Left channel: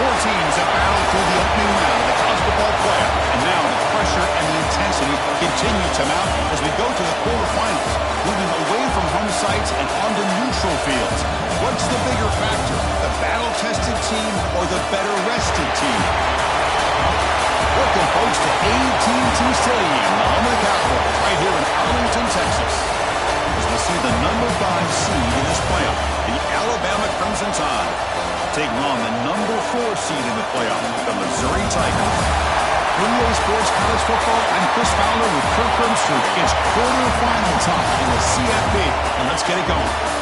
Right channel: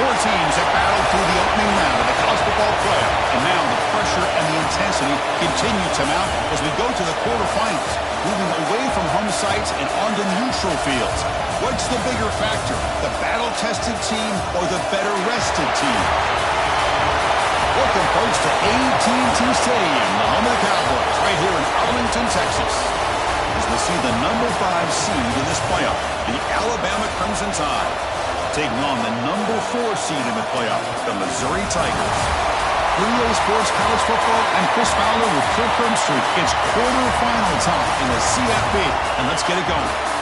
Four teams have battled through the opening round of the college football playoff, and now the pressure and the intensity continue to mount as we go to the quarterfinals, moving away from home sites and onto neutral fields. What's the bigger factor, the battle-tested team or the better-rested team? Welcome, folks, to AT&T Stadium, the home of the Cowboys, right here in Arlington, Texas, as we see the number 5 seed in this playoff, the Alabama Crimson Tide, taking on the number 4 seed in the playoff, the Missouri Tigers. 3A Sports College Football, I'm Chris Fowler with Kirk Herbstreit. It's quarterfinal time in the CFP, and let's get it going.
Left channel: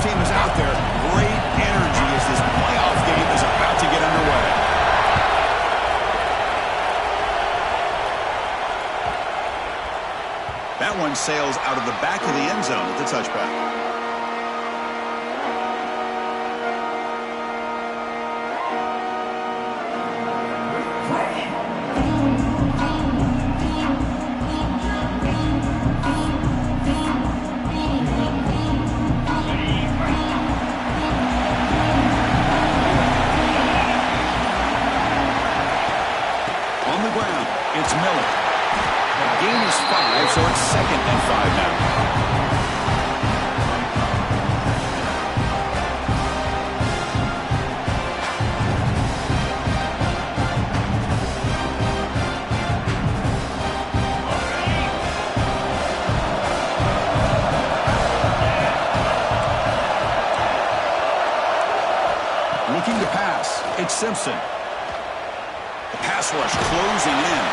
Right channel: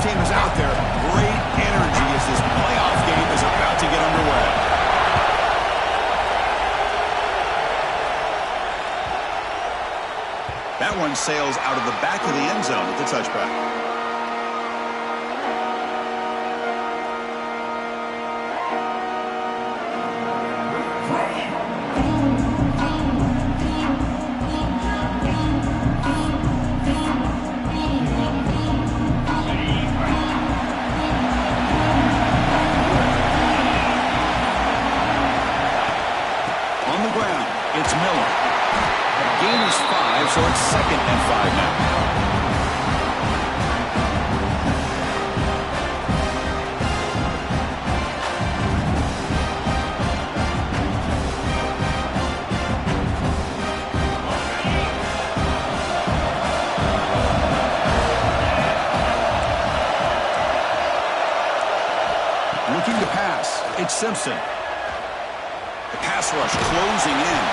Team is out there. Great energy as this playoff game is about to get underway. That one sails out of the back of the end zone with the touchback. It's Miller. The gain is 5, so it's 2nd and 5 now. Looking to pass. It's Simpson. The pass rush closing in.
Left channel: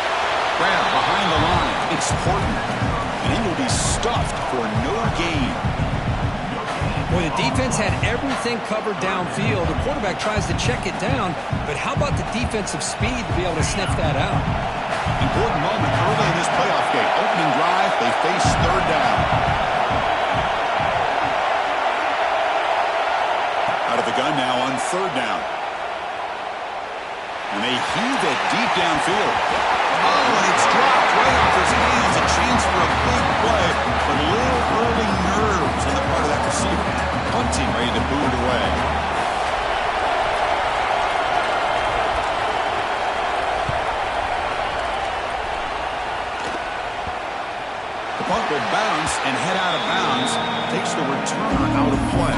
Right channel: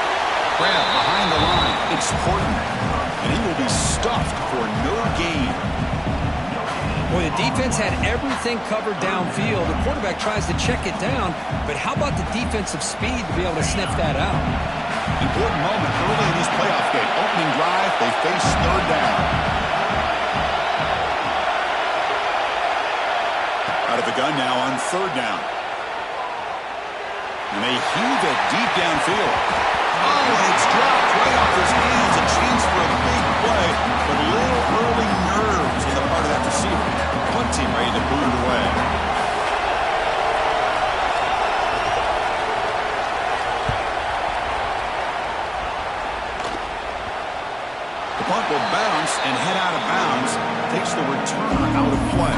Grab behind the line. It's Horton. And he will be stuffed for no gain. Boy, the defense had everything covered downfield. The quarterback tries to check it down, but how about the defensive speed to be able to sniff that out? Important moment early in this playoff game. Opening drive, they face 3rd down. Out of the gun now on 3rd down. And they heave it deep downfield. Oh, and it's dropped right off his hands. A chance for a big play, but a little early nerves on the part of that receiver. Punt team ready to boot it away. The punt will bounce and head out of bounds. Takes the returner out of play.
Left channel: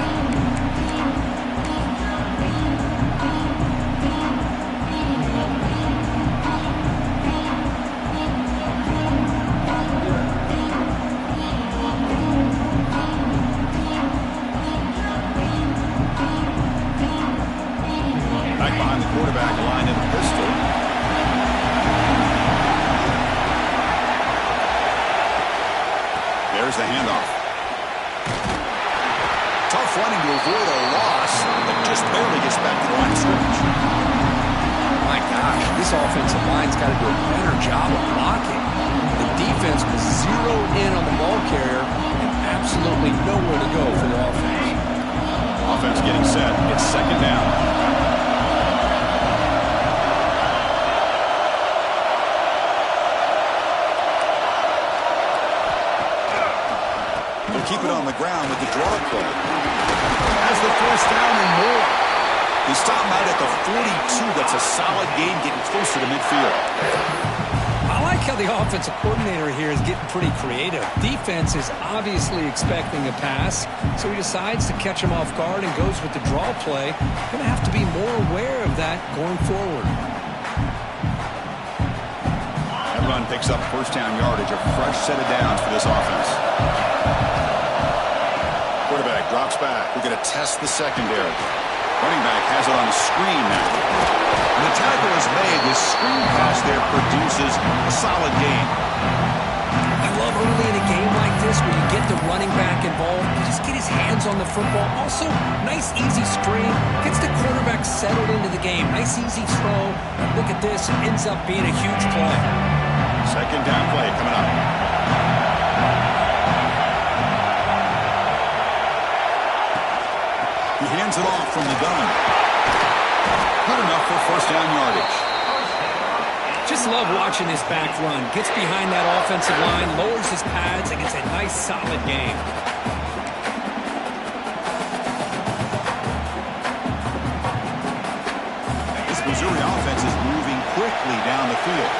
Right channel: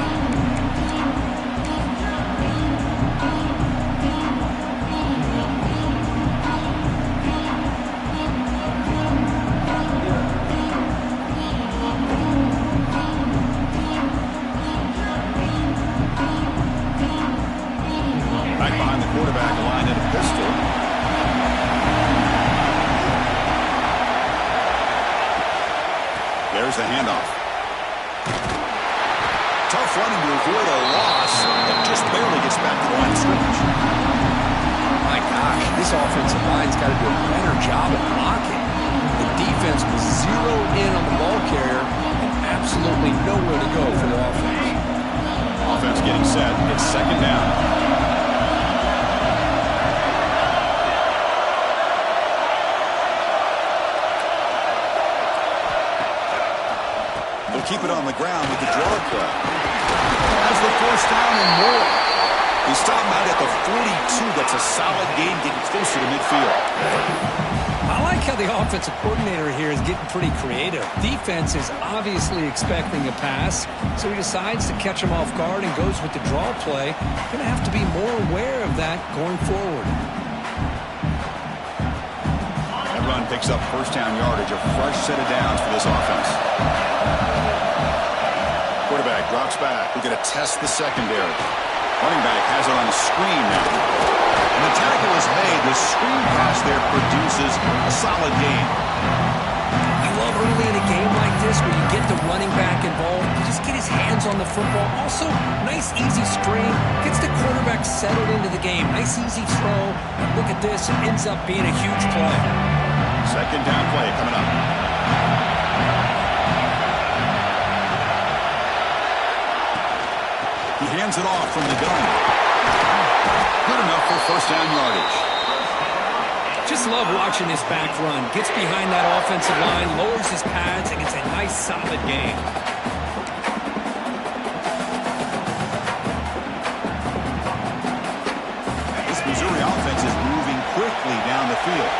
Quarterback aligned in a pistol. There's the handoff. Tough running to avoid a loss that just barely gets back to the line of scrimmage. My gosh, this offensive line's got to do a better job of blocking. The defense was zeroed in on the ball carrier and absolutely nowhere to go for the offense. Offense getting set. It's 2nd down. Keep it on the ground with the draw play. Has the 4th down and more. He stopped out at the 42. That's a solid gain, getting closer to midfield. I like how the offensive coordinator here is getting pretty creative. Defense is obviously expecting a pass, so he decides to catch him off guard and goes with the draw play. Going to have to be more aware of that going forward. That run picks up 1st down yardage, a fresh set of downs for this offense. Quarterback drops back. We're going to test the secondary. Running back has it on a screen now. When the tackle is made, the screen pass there produces a solid gain. I love early in a game like this where you get the running back involved. You just get his hands on the football. Also, nice easy screen. Gets the quarterback settled into the game. Nice easy throw. And look at this. It ends up being a huge play. 2nd down play coming up. hands it off from the gun. Good enough for first down yardage. Just love watching this back run. Gets behind that offensive line, lowers his pads, and gets a nice, solid gain. This Missouri offense is moving quickly down the field.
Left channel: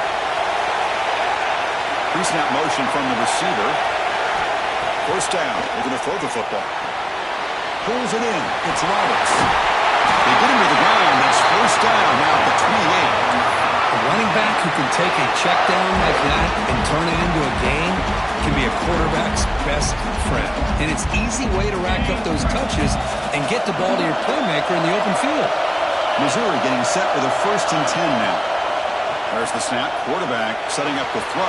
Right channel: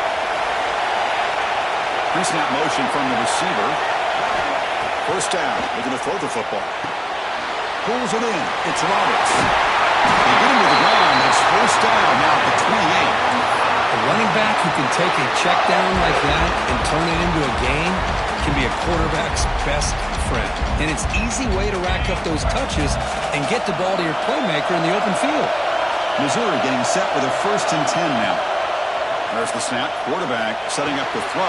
Pre-snap motion from the receiver. First down, looking to throw the football. Pulls it in. It's Roberts. They get him to the ground, but it's first down now at the 28. A running back who can take a check down like that and turn it into a gain can be a quarterback's best friend. And it's an easy way to rack up those touches and get the ball to your playmaker in the open field. Missouri getting set with a 1st and 10 now. There's the snap. Quarterback setting up the throw.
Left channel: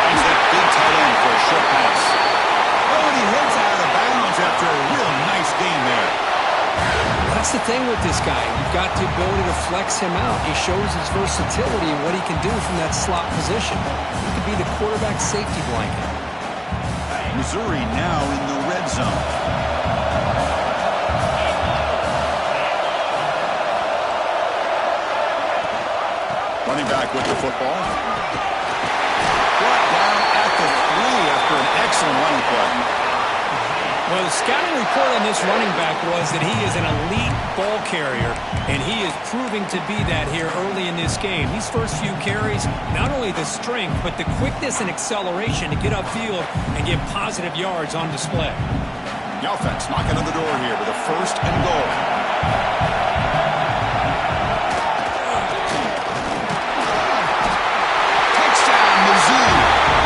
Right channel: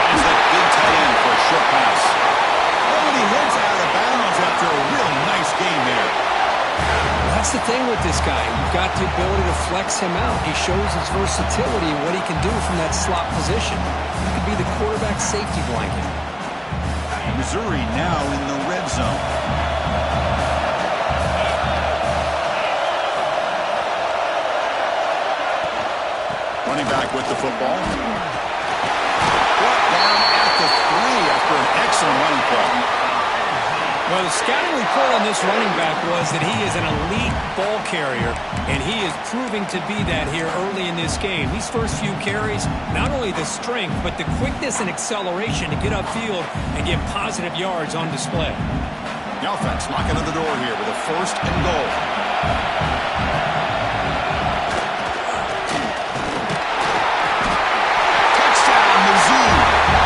Finds that big tight end for a short pass. Oh, and he heads out of bounds after a really nice game there. That's the thing with this guy. You've got the ability to flex him out. He shows his versatility and what he can do from that slot position. He could be the quarterback safety blanket. Missouri now in the red zone. Running back with the football. Brought down at the 3 after an excellent running play. Well, the scouting report on this running back was that he is an elite ball carrier, and he is proving to be that here early in this game. These first few carries, not only the strength, but the quickness and acceleration to get upfield and get positive yards on display. The offense knocking on the door here with a 1st and goal. Touchdown, Mizzou,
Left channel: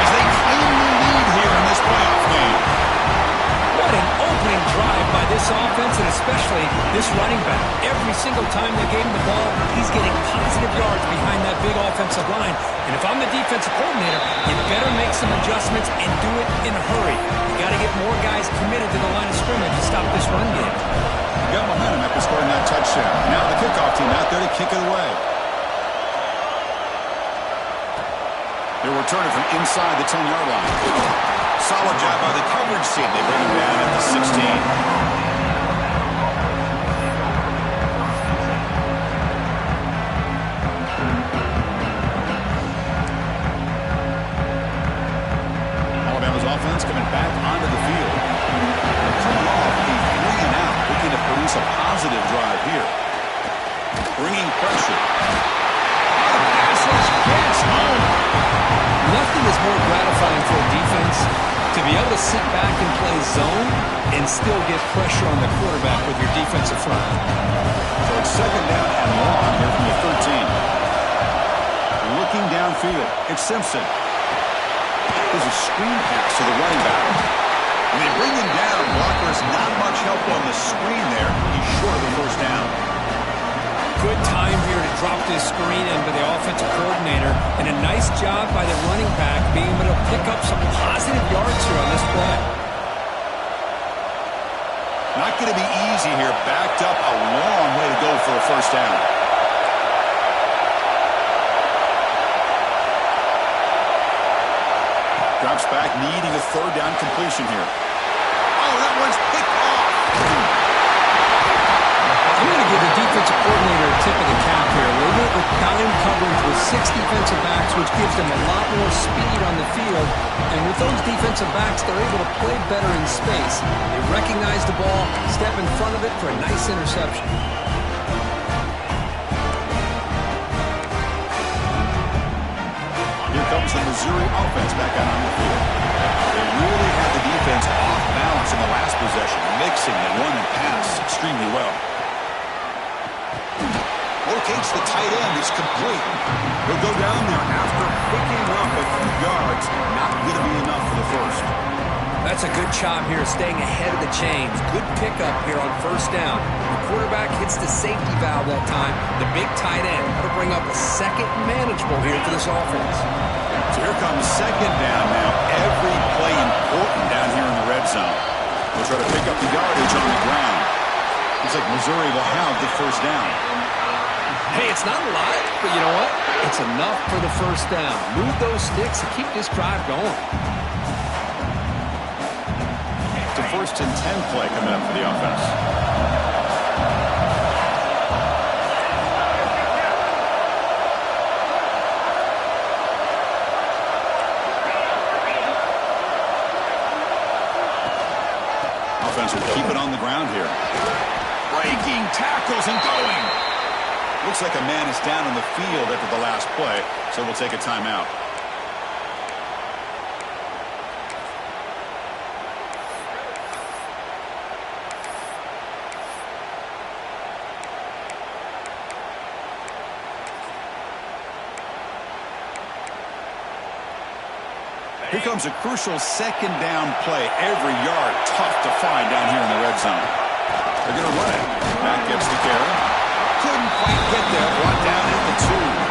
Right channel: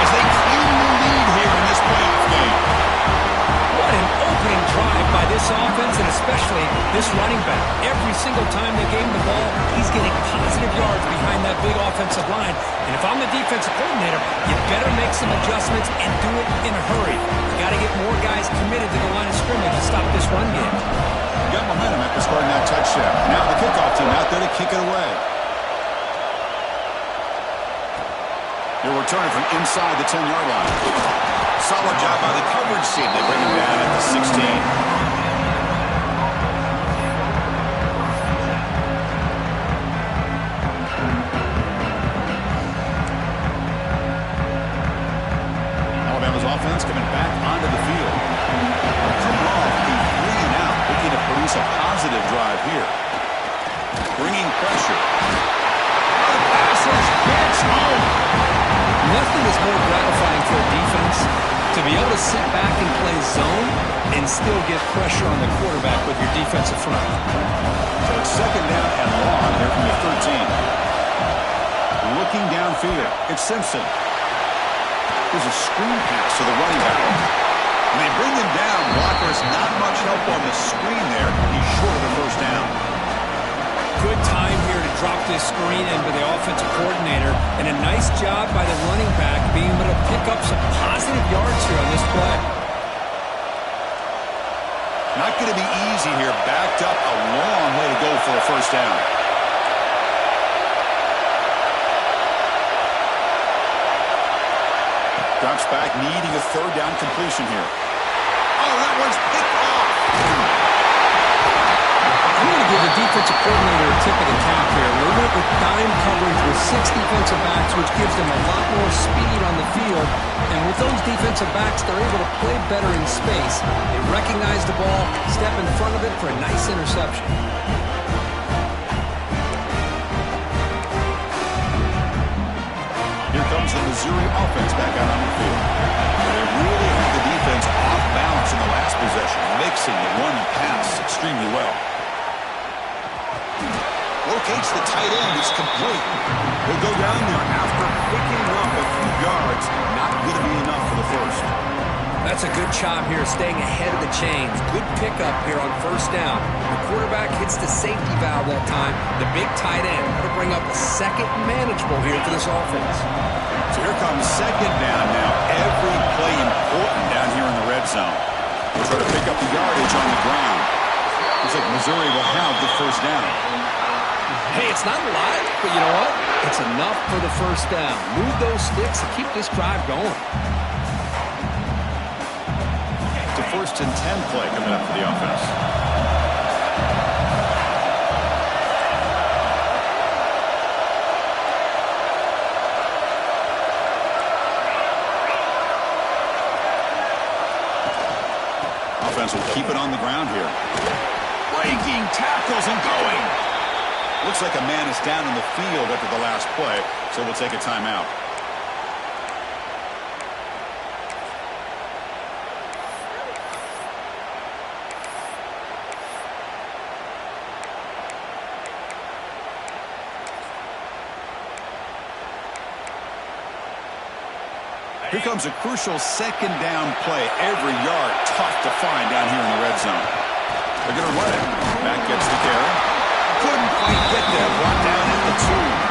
as they claim the lead here in this playoff game. What an opening drive by this offense, and especially this running back. Every single time they gave him the ball, he's getting positive yards behind that big offensive line. And if I'm the defensive coordinator, you better make some adjustments and do it in a hurry. You got to get more guys committed to the line of scrimmage to stop this run game. Got momentum after scoring that touchdown. Now the kickoff team out there to kick it away. They're returning from inside the 10-yard line. Solid job by the coverage team. They bring him down at the 16. Alabama's offense coming back onto the field. They're coming off a 3-and-out, looking to produce a positive drive here. Bringing pressure. Oh, the pass rush gets home. Nothing is more gratifying for a defense to be able to sit back and play zone and still get pressure on the quarterback with your defensive front. So it's 2nd down and long here from the 13. Looking downfield, it's Simpson. There's a screen pass to the running back. When they bring him down, blockers not much help on the screen there. He's short of the 1st down. Good time here to drop this screen in by the offensive coordinator, and a nice job by the running back being able to pick up some positive yards here on this play. Not going to be easy here. Backed up a long way to go for a 1st down. Drops back, needing a 3rd down completion here. Oh, that one's picked off. I'm going to give the defensive coordinator a tip of the cap here. They went with dime coverage with 6 defensive backs, which gives them a lot more speed on the field. And with those defensive backs, they're able to play better in space. They recognize the ball, step in front of it for a nice interception. Here comes the Missouri offense back out on the field. They really had the defense off balance in the last possession, mixing the run and pass extremely well. Locates the tight end. It's complete. He'll go down there after picking up a few yards. Not going to be enough for the 1st. That's a good job here, staying ahead of the chains. Good pickup here on 1st down. The quarterback hits the safety valve that time. The big tight end. That'll bring up a 2nd manageable here for this offense. So here comes 2nd down now. Every play important down here in the red zone. We'll try to pick up the yardage on the ground. Looks like Missouri will have the 1st down. Hey, it's not a lot, but you know what? It's enough for the 1st down. Move those sticks and keep this drive going. It's a 1st and 10 play coming up for the offense. offense will keep it on the ground here. Breaking tackles and going. Looks like a man is down on the field after the last play, so we'll take a timeout. Here comes a crucial second down play. Every yard tough to find down here in the red zone. They're going to run it. Back gets the carry. Couldn't quite get there. Brought down at the 2.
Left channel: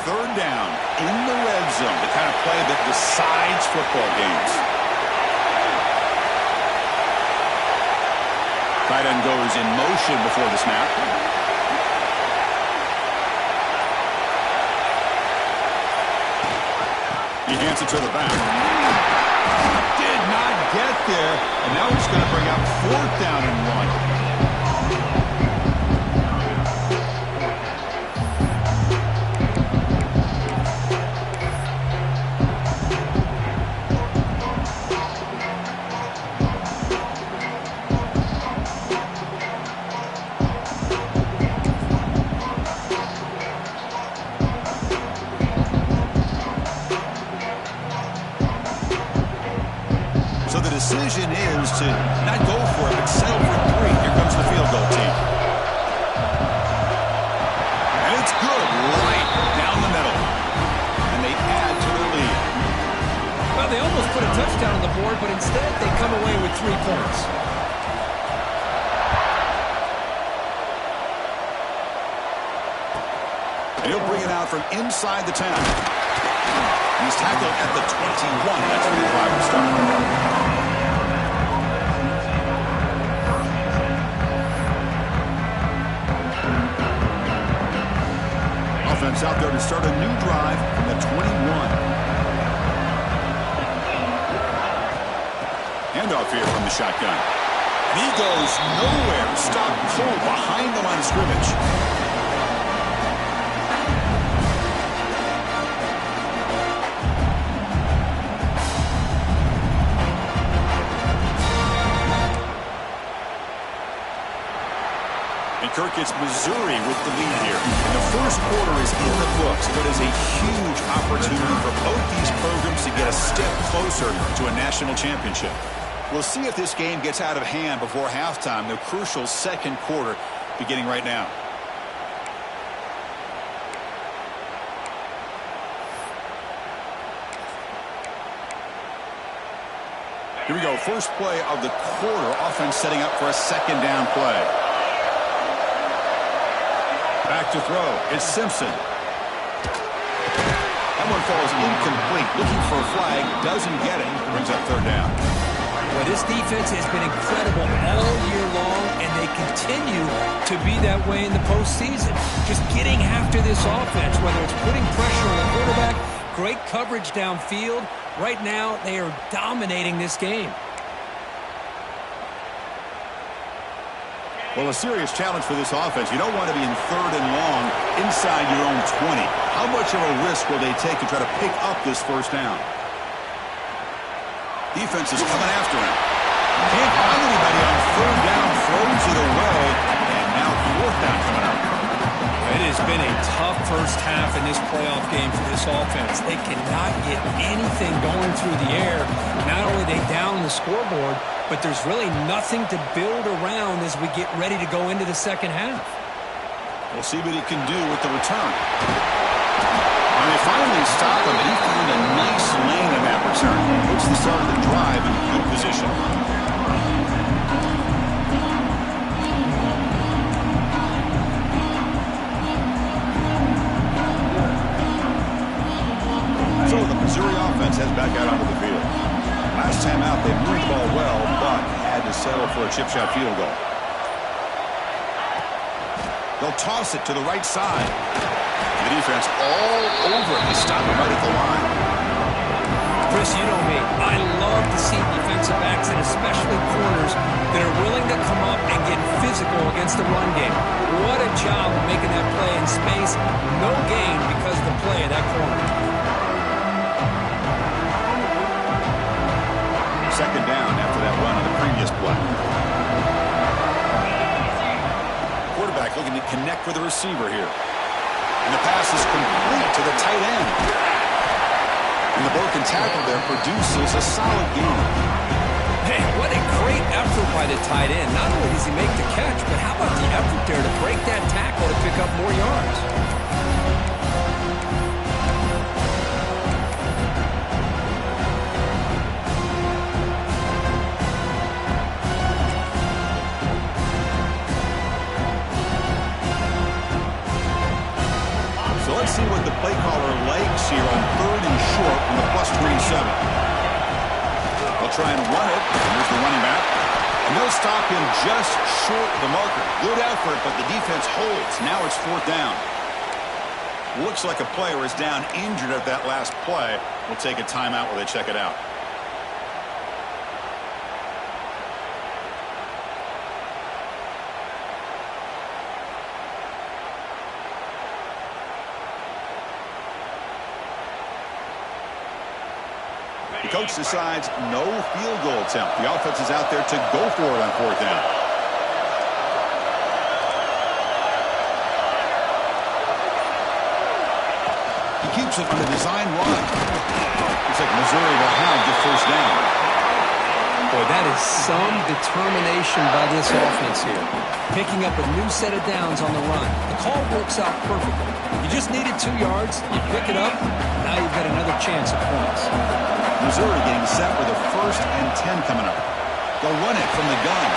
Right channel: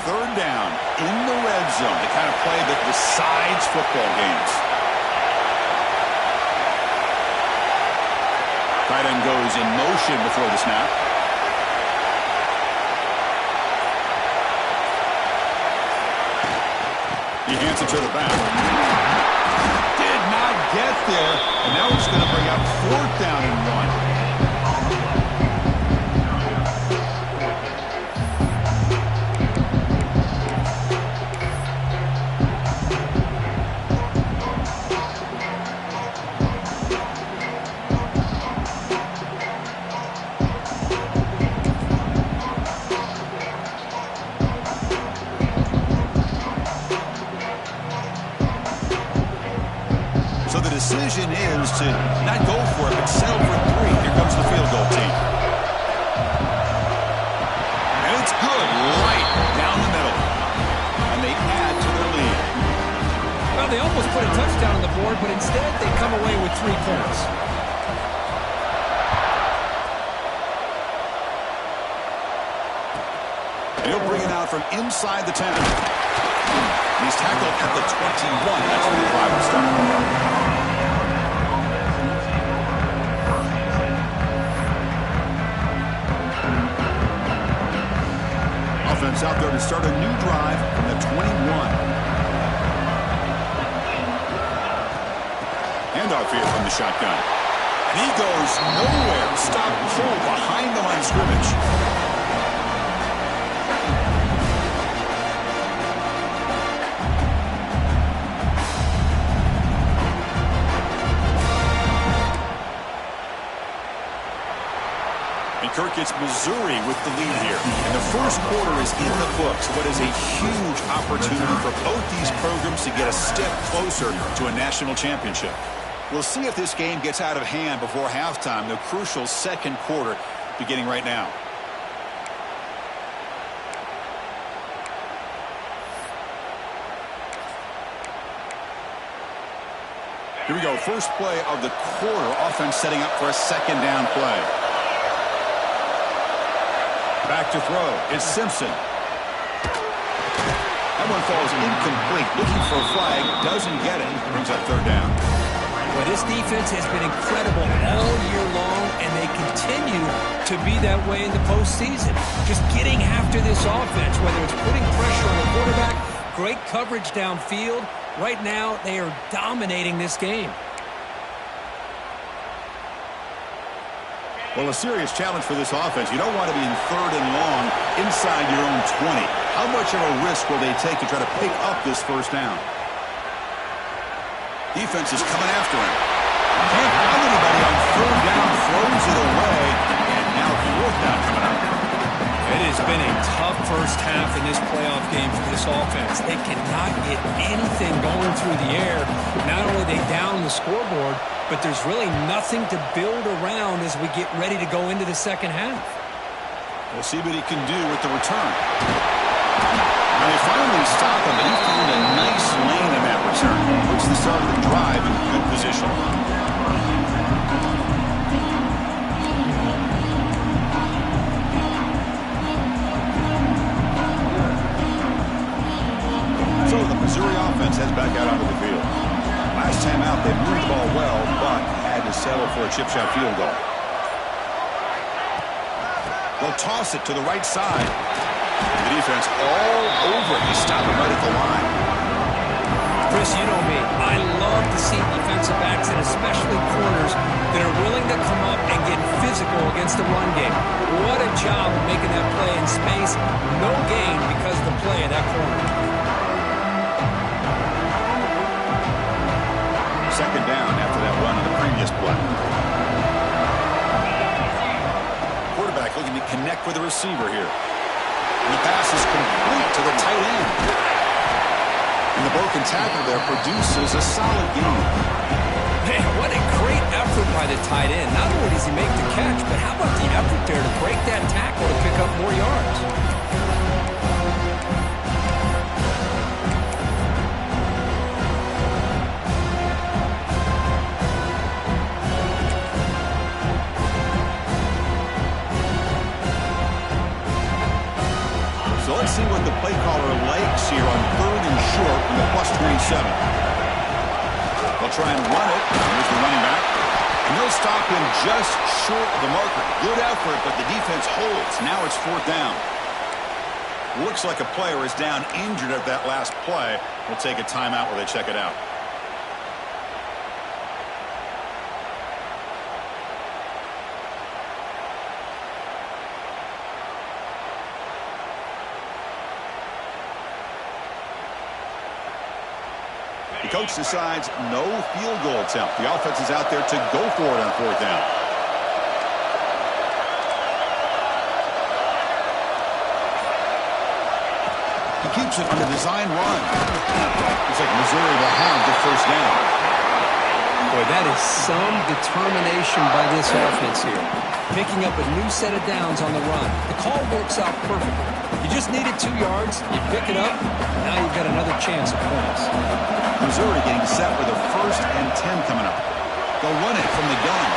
Third down in the red zone, the kind of play that decides football games. Tight end goes in motion before the snap. He hands it to the back. Did not get there, and now he's going to bring up 4th down and 1. Decision is to not go for it, but settle for 3. Here comes the field goal team. And it's good right down the middle. And they add to their lead. Well, they almost put a touchdown on the board, but instead they come away with 3 points. And he'll bring it out from inside the 10. He's tackled at the 21. That's where the drive will start. Offense out there to start a new drive from the 21. Handoff here from the shotgun. And he goes nowhere. Stop cold behind the line of scrimmage. Kirk, it's Missouri with the lead here. And the first quarter is in the books. What is a huge opportunity for both these programs to get a step closer to a national championship. We'll see if this game gets out of hand before halftime. The crucial second quarter beginning right now. Here we go. First play of the quarter. Offense setting up for a second down play. Back to throw. It's Simpson. That one falls incomplete. Looking for a flag. Doesn't get it. Brings up 3rd down. Well, this defense has been incredible all year long, and they continue to be that way in the postseason. Just getting after this offense, whether it's putting pressure on the quarterback, great coverage downfield. Right now, they are dominating this game. Well, a serious challenge for this offense. You don't want to be in 3rd and long inside your own 20. How much of a risk will they take to try to pick up this first down? Defense is coming after him. Can't find anybody on 3rd down. Throws it away. And now 4th down coming up. It has been a tough first half in this playoff game for this offense. They cannot get anything going through the air. Not only they down the scoreboard, but there's really nothing to build around as we get ready to go into the second half. We'll see what he can do with the return. And they finally stop him, but he found a nice lane in that return. Puts the start of the drive in good position. So the Missouri offense heads back out onto the field. Last time out, they moved the ball well, but had to settle for a chip shot field goal. They'll toss it to the right side. The The defense all over it. They stop him right at the line. Chris, you know me. I love to see defensive backs, and especially corners, that are willing to come up and get physical against the run game. What a job of making that play in space. No gain because of the play of that corner. Second down after that run on the previous play. Quarterback looking to connect with the receiver here. And the pass is complete to the tight end. And the broken tackle there produces a solid gain. Man, what a great effort by the tight end. Not only does he make the catch, but how about the effort there to break that tackle to pick up more yards? So let's see what the play caller likes here on 3rd and short from the +27. They'll try and run it. Here's the running back. And they'll stop him just short of the marker. Good effort, but the defense holds. Now it's 4th down. Looks like a player is down injured at that last play. We'll take a timeout while they check it out. The coach decides no field goal attempt. The offense is out there to go for it on 4th down. He keeps it on a design run. Looks like Missouri will have the 1st down. Boy, that is some determination by this offense here. Picking up a new set of downs on the run. The call works out perfectly. You just needed 2 yards. You pick it up. Now you've got another chance at points. Missouri getting set with a 1st and 10 coming up. They'll run it from the gun.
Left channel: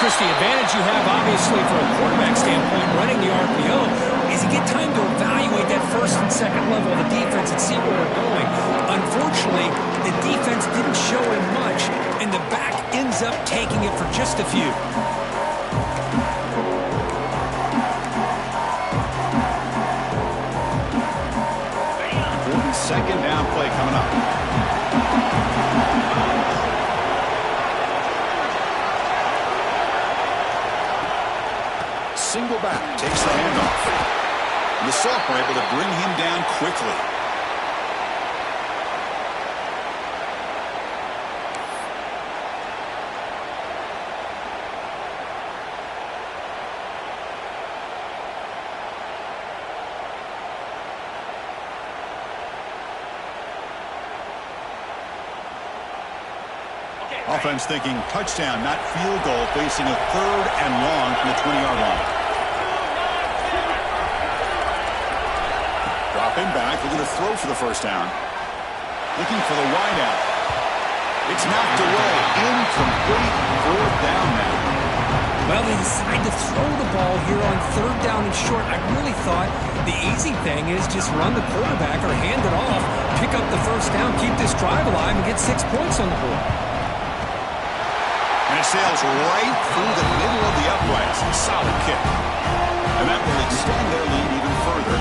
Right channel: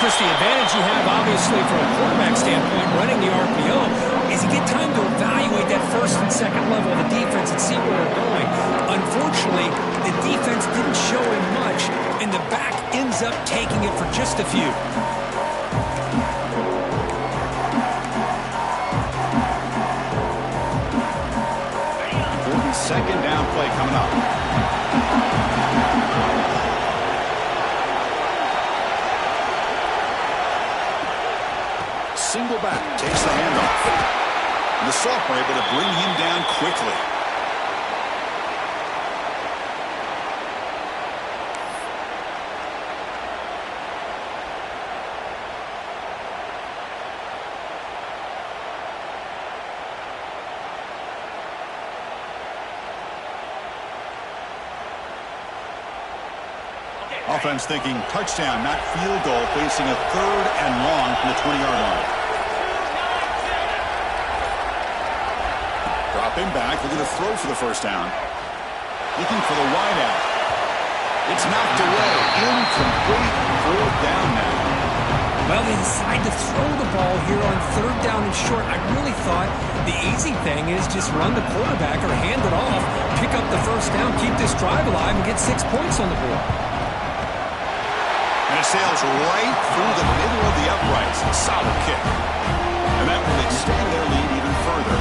Chris, the advantage you have, obviously, from a quarterback standpoint, running the RPO, is you get time to evaluate that 1st and 2nd level of the defense and see where they're going. Unfortunately, the defense didn't show him much, and the back ends up taking it for just a few. 2nd down play coming up. Single back takes the handoff. And the sophomore able to bring him down quickly. Offense thinking touchdown, not field goal, facing a 3rd and long from the 20-yard line. Dropping back, looking to throw for the 1st down. Looking for the wide out. It's knocked away. Incomplete. 4th down now. Well, they decide to throw the ball here on 3rd down and short. I really thought the easy thing is just run the quarterback or hand it off, pick up the 1st down, keep this drive alive, and get 6 points on the board. And it sails right through the middle of the uprights. Solid kick. And that will extend their lead even further.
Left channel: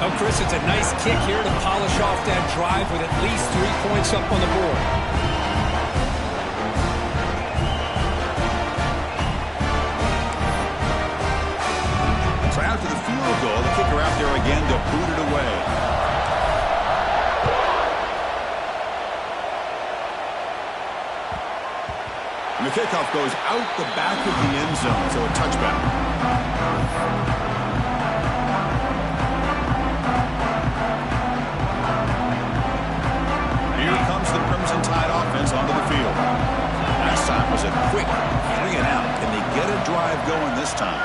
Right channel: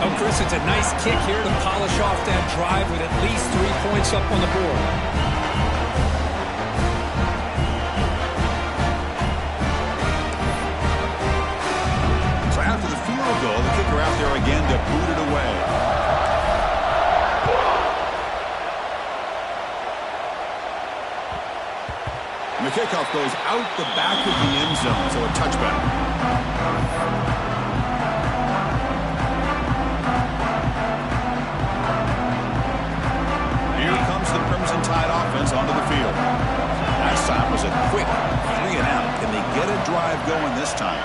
Oh, Chris, it's a nice kick here to polish off that drive with at least 3 points up on the board. So after the field goal, the kicker out there again to boot it away. And the kickoff goes out the back of the end zone, so a touchback. Here comes the Crimson Tide offense onto the field. Last time was a quick 3 and out. Can they get a drive going this time?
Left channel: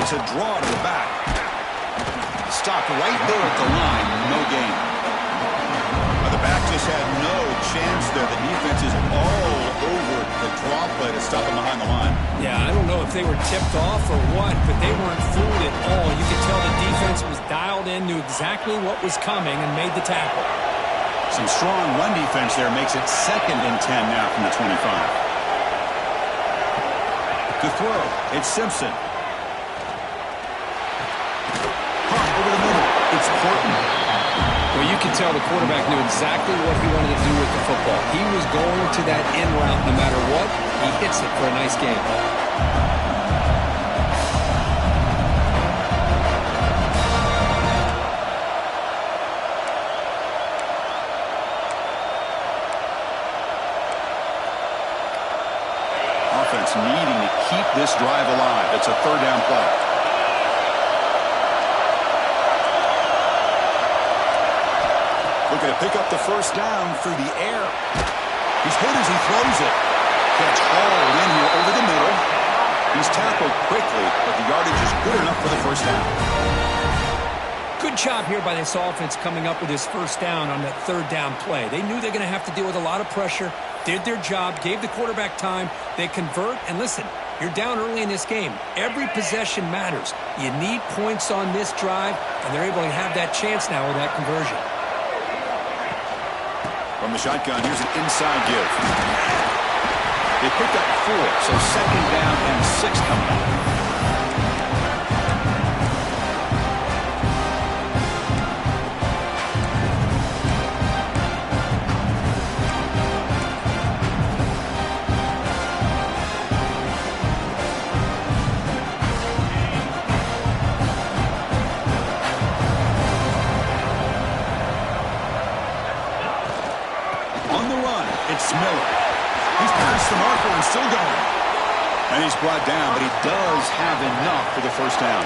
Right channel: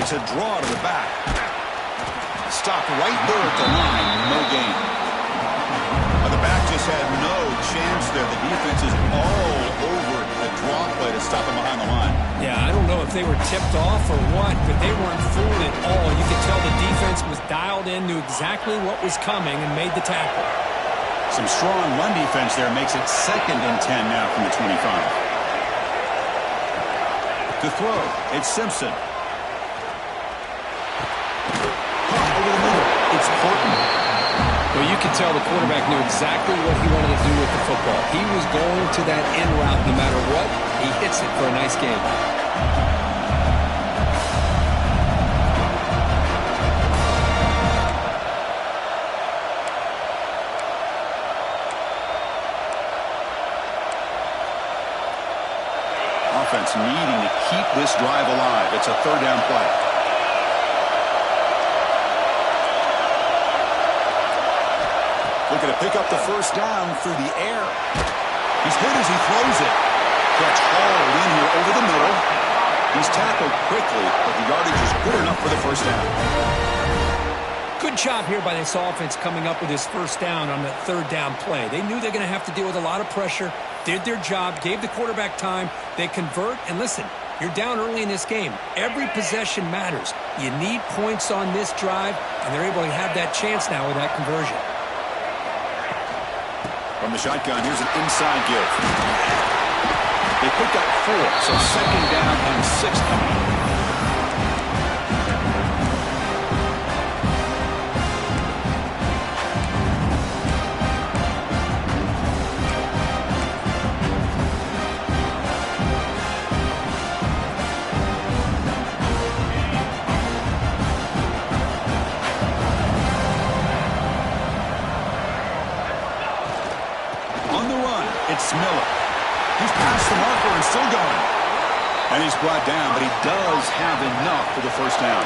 It's a draw to the back. Stopped right there at the line. No gain. The back just had no chance there. The defense is all over the draw play to stop him behind the line. Yeah, I don't know if they were tipped off or what, but they weren't fooled at all. You could tell the defense was dialed in, knew exactly what was coming, and made the tackle. Some strong run defense there makes it 2nd and 10 now from the 25. To throw, it's Simpson. It's Horton. Well, you can tell the quarterback knew exactly what he wanted to do with the football. He was going to that in route no matter what. He hits it for a nice game. Offense needing to keep this drive alive. It's a third down play. Looking to pick up the first down through the air. He's hit as he throws it. Catch hauled in here over the middle. He's tackled quickly, but the yardage is good enough for the first down. Good job here by this offense coming up with his first down on that third down play. They knew they're going to have to deal with a lot of pressure, did their job, gave the quarterback time. They convert, and listen, you're down early in this game. Every possession matters. You need points on this drive, and they're able to have that chance now with that conversion. From the shotgun, here's an inside give. They pick up 4, so second down and 6 coming up. On the run, it's Miller. He's past the marker and still going. And he's brought down, but he does have enough for the first down.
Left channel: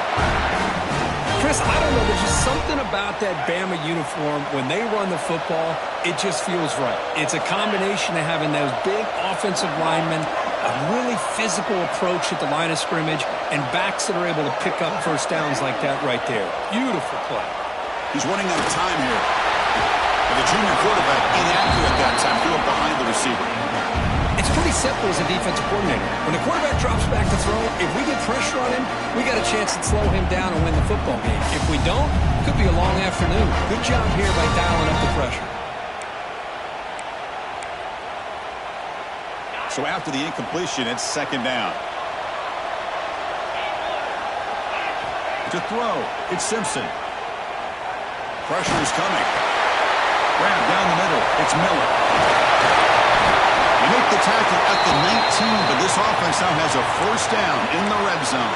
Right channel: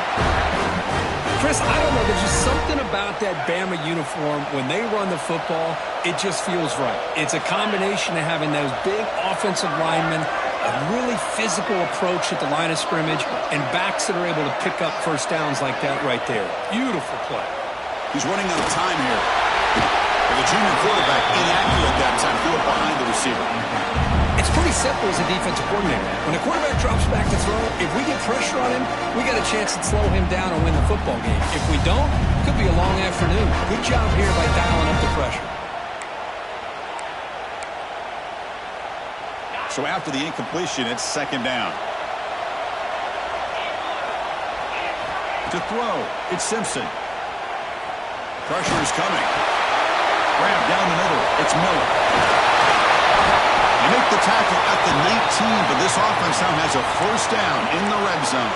Chris, I don't know. There's just something about that Bama uniform. When they run the football, it just feels right. It's a combination of having those big offensive linemen, a really physical approach at the line of scrimmage, and backs that are able to pick up first downs like that right there. Beautiful play. He's running out of time here. And the junior quarterback inaccurate that time, threw it behind the receiver. It's pretty simple as a defensive coordinator. When the quarterback drops back to throw, if we get pressure on him, we got a chance to slow him down and win the football game. If we don't, it could be a long afternoon. Good job here by dialing up the pressure. So after the incompletion, it's second down. To throw, it's Simpson. Pressure is coming. Grab down the middle. It's Miller. They make the tackle at the 19, but this offense now has a first down in the red zone.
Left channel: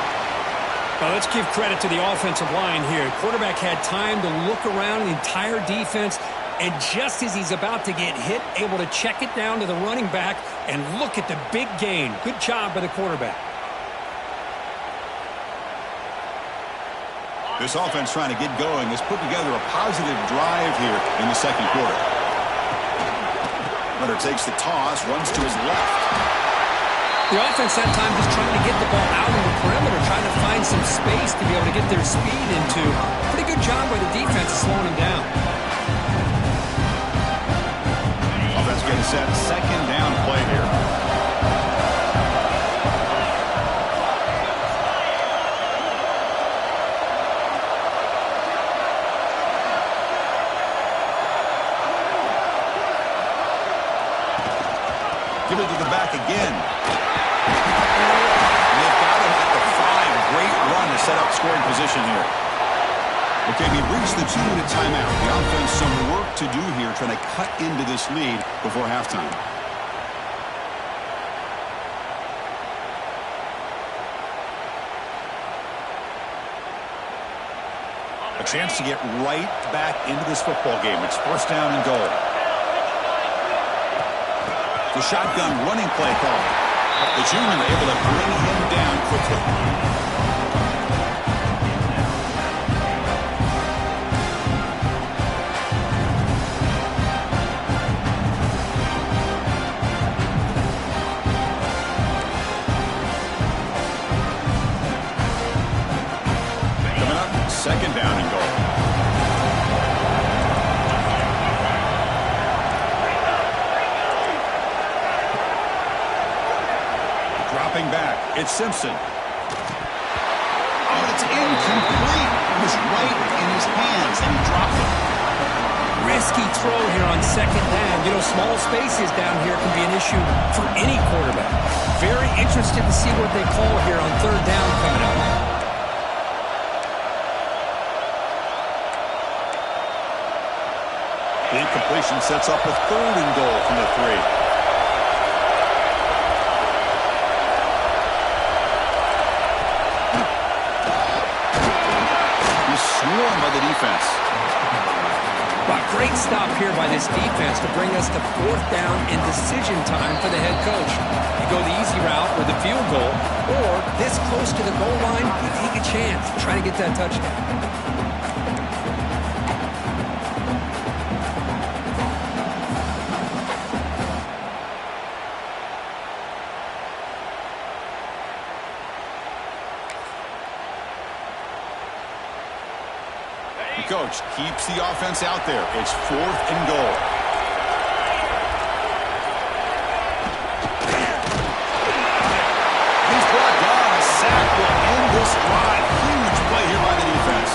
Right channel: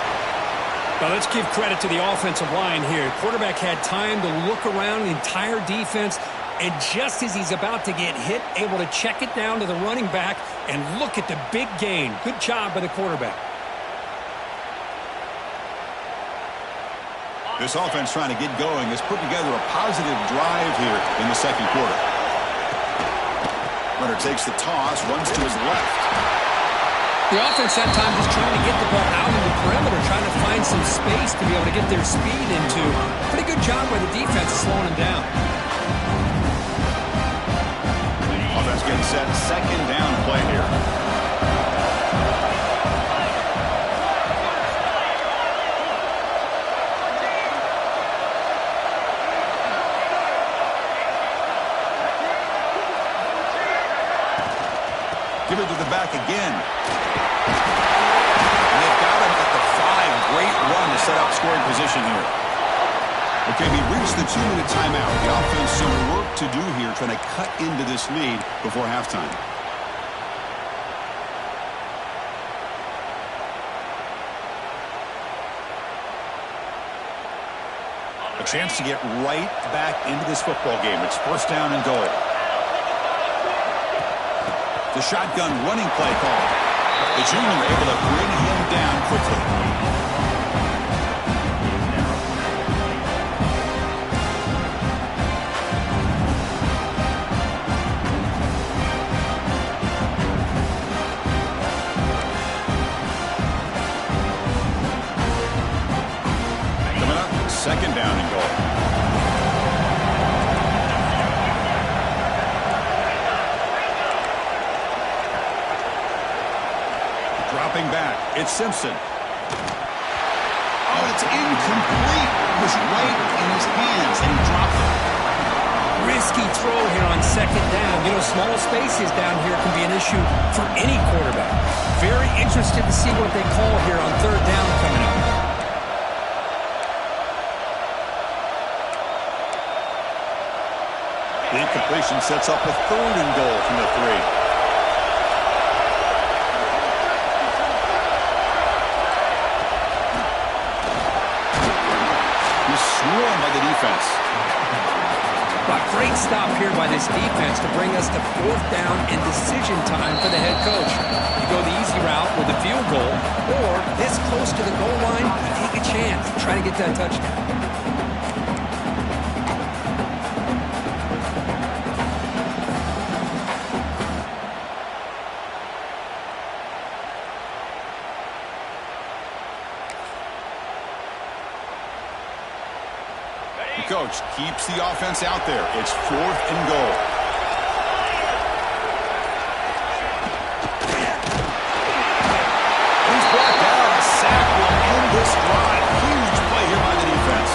Well, let's give credit to the offensive line here. Quarterback had time to look around the entire defense, and just as he's about to get hit, able to check it down to the running back, and look at the big gain. Good job by the quarterback. This offense trying to get going has put together a positive drive here in the second quarter. Leonard takes the toss, runs to his left. The offense that time just trying to get the ball out in the perimeter, trying to find some space to be able to get their speed into. Pretty good job by the defense of slowing him down. Offense getting set, second down play here. Give it to the back again. And they've got him at the 5. Great run to set up scoring position here. Okay, we reached the 2-minute timeout. The offense some work to do here, trying to cut into this lead before halftime. A chance to get right back into this football game. It's first down and goal. The shotgun running play call. The junior able to bring him down quickly. Coming up, second down and goal. Dropping back, it's Simpson. Oh, it's incomplete. It was right in his hands, and he dropped it. Risky throw here on second down. You know, small spaces down here can be an issue for any quarterback. Very interested to see what they call here on third down coming up. The incompletion sets up a 3rd and goal from the 3. He's swarmed by the defense. But great stop here by this defense to bring us to 4th down and decision time for the head coach. You go the easy route with a field goal, or this close to the goal line, you take a chance, try to get that touchdown. The coach keeps the offense out there. It's 4th and goal. He's brought down. A sack will end this drive. Huge play here by the defense.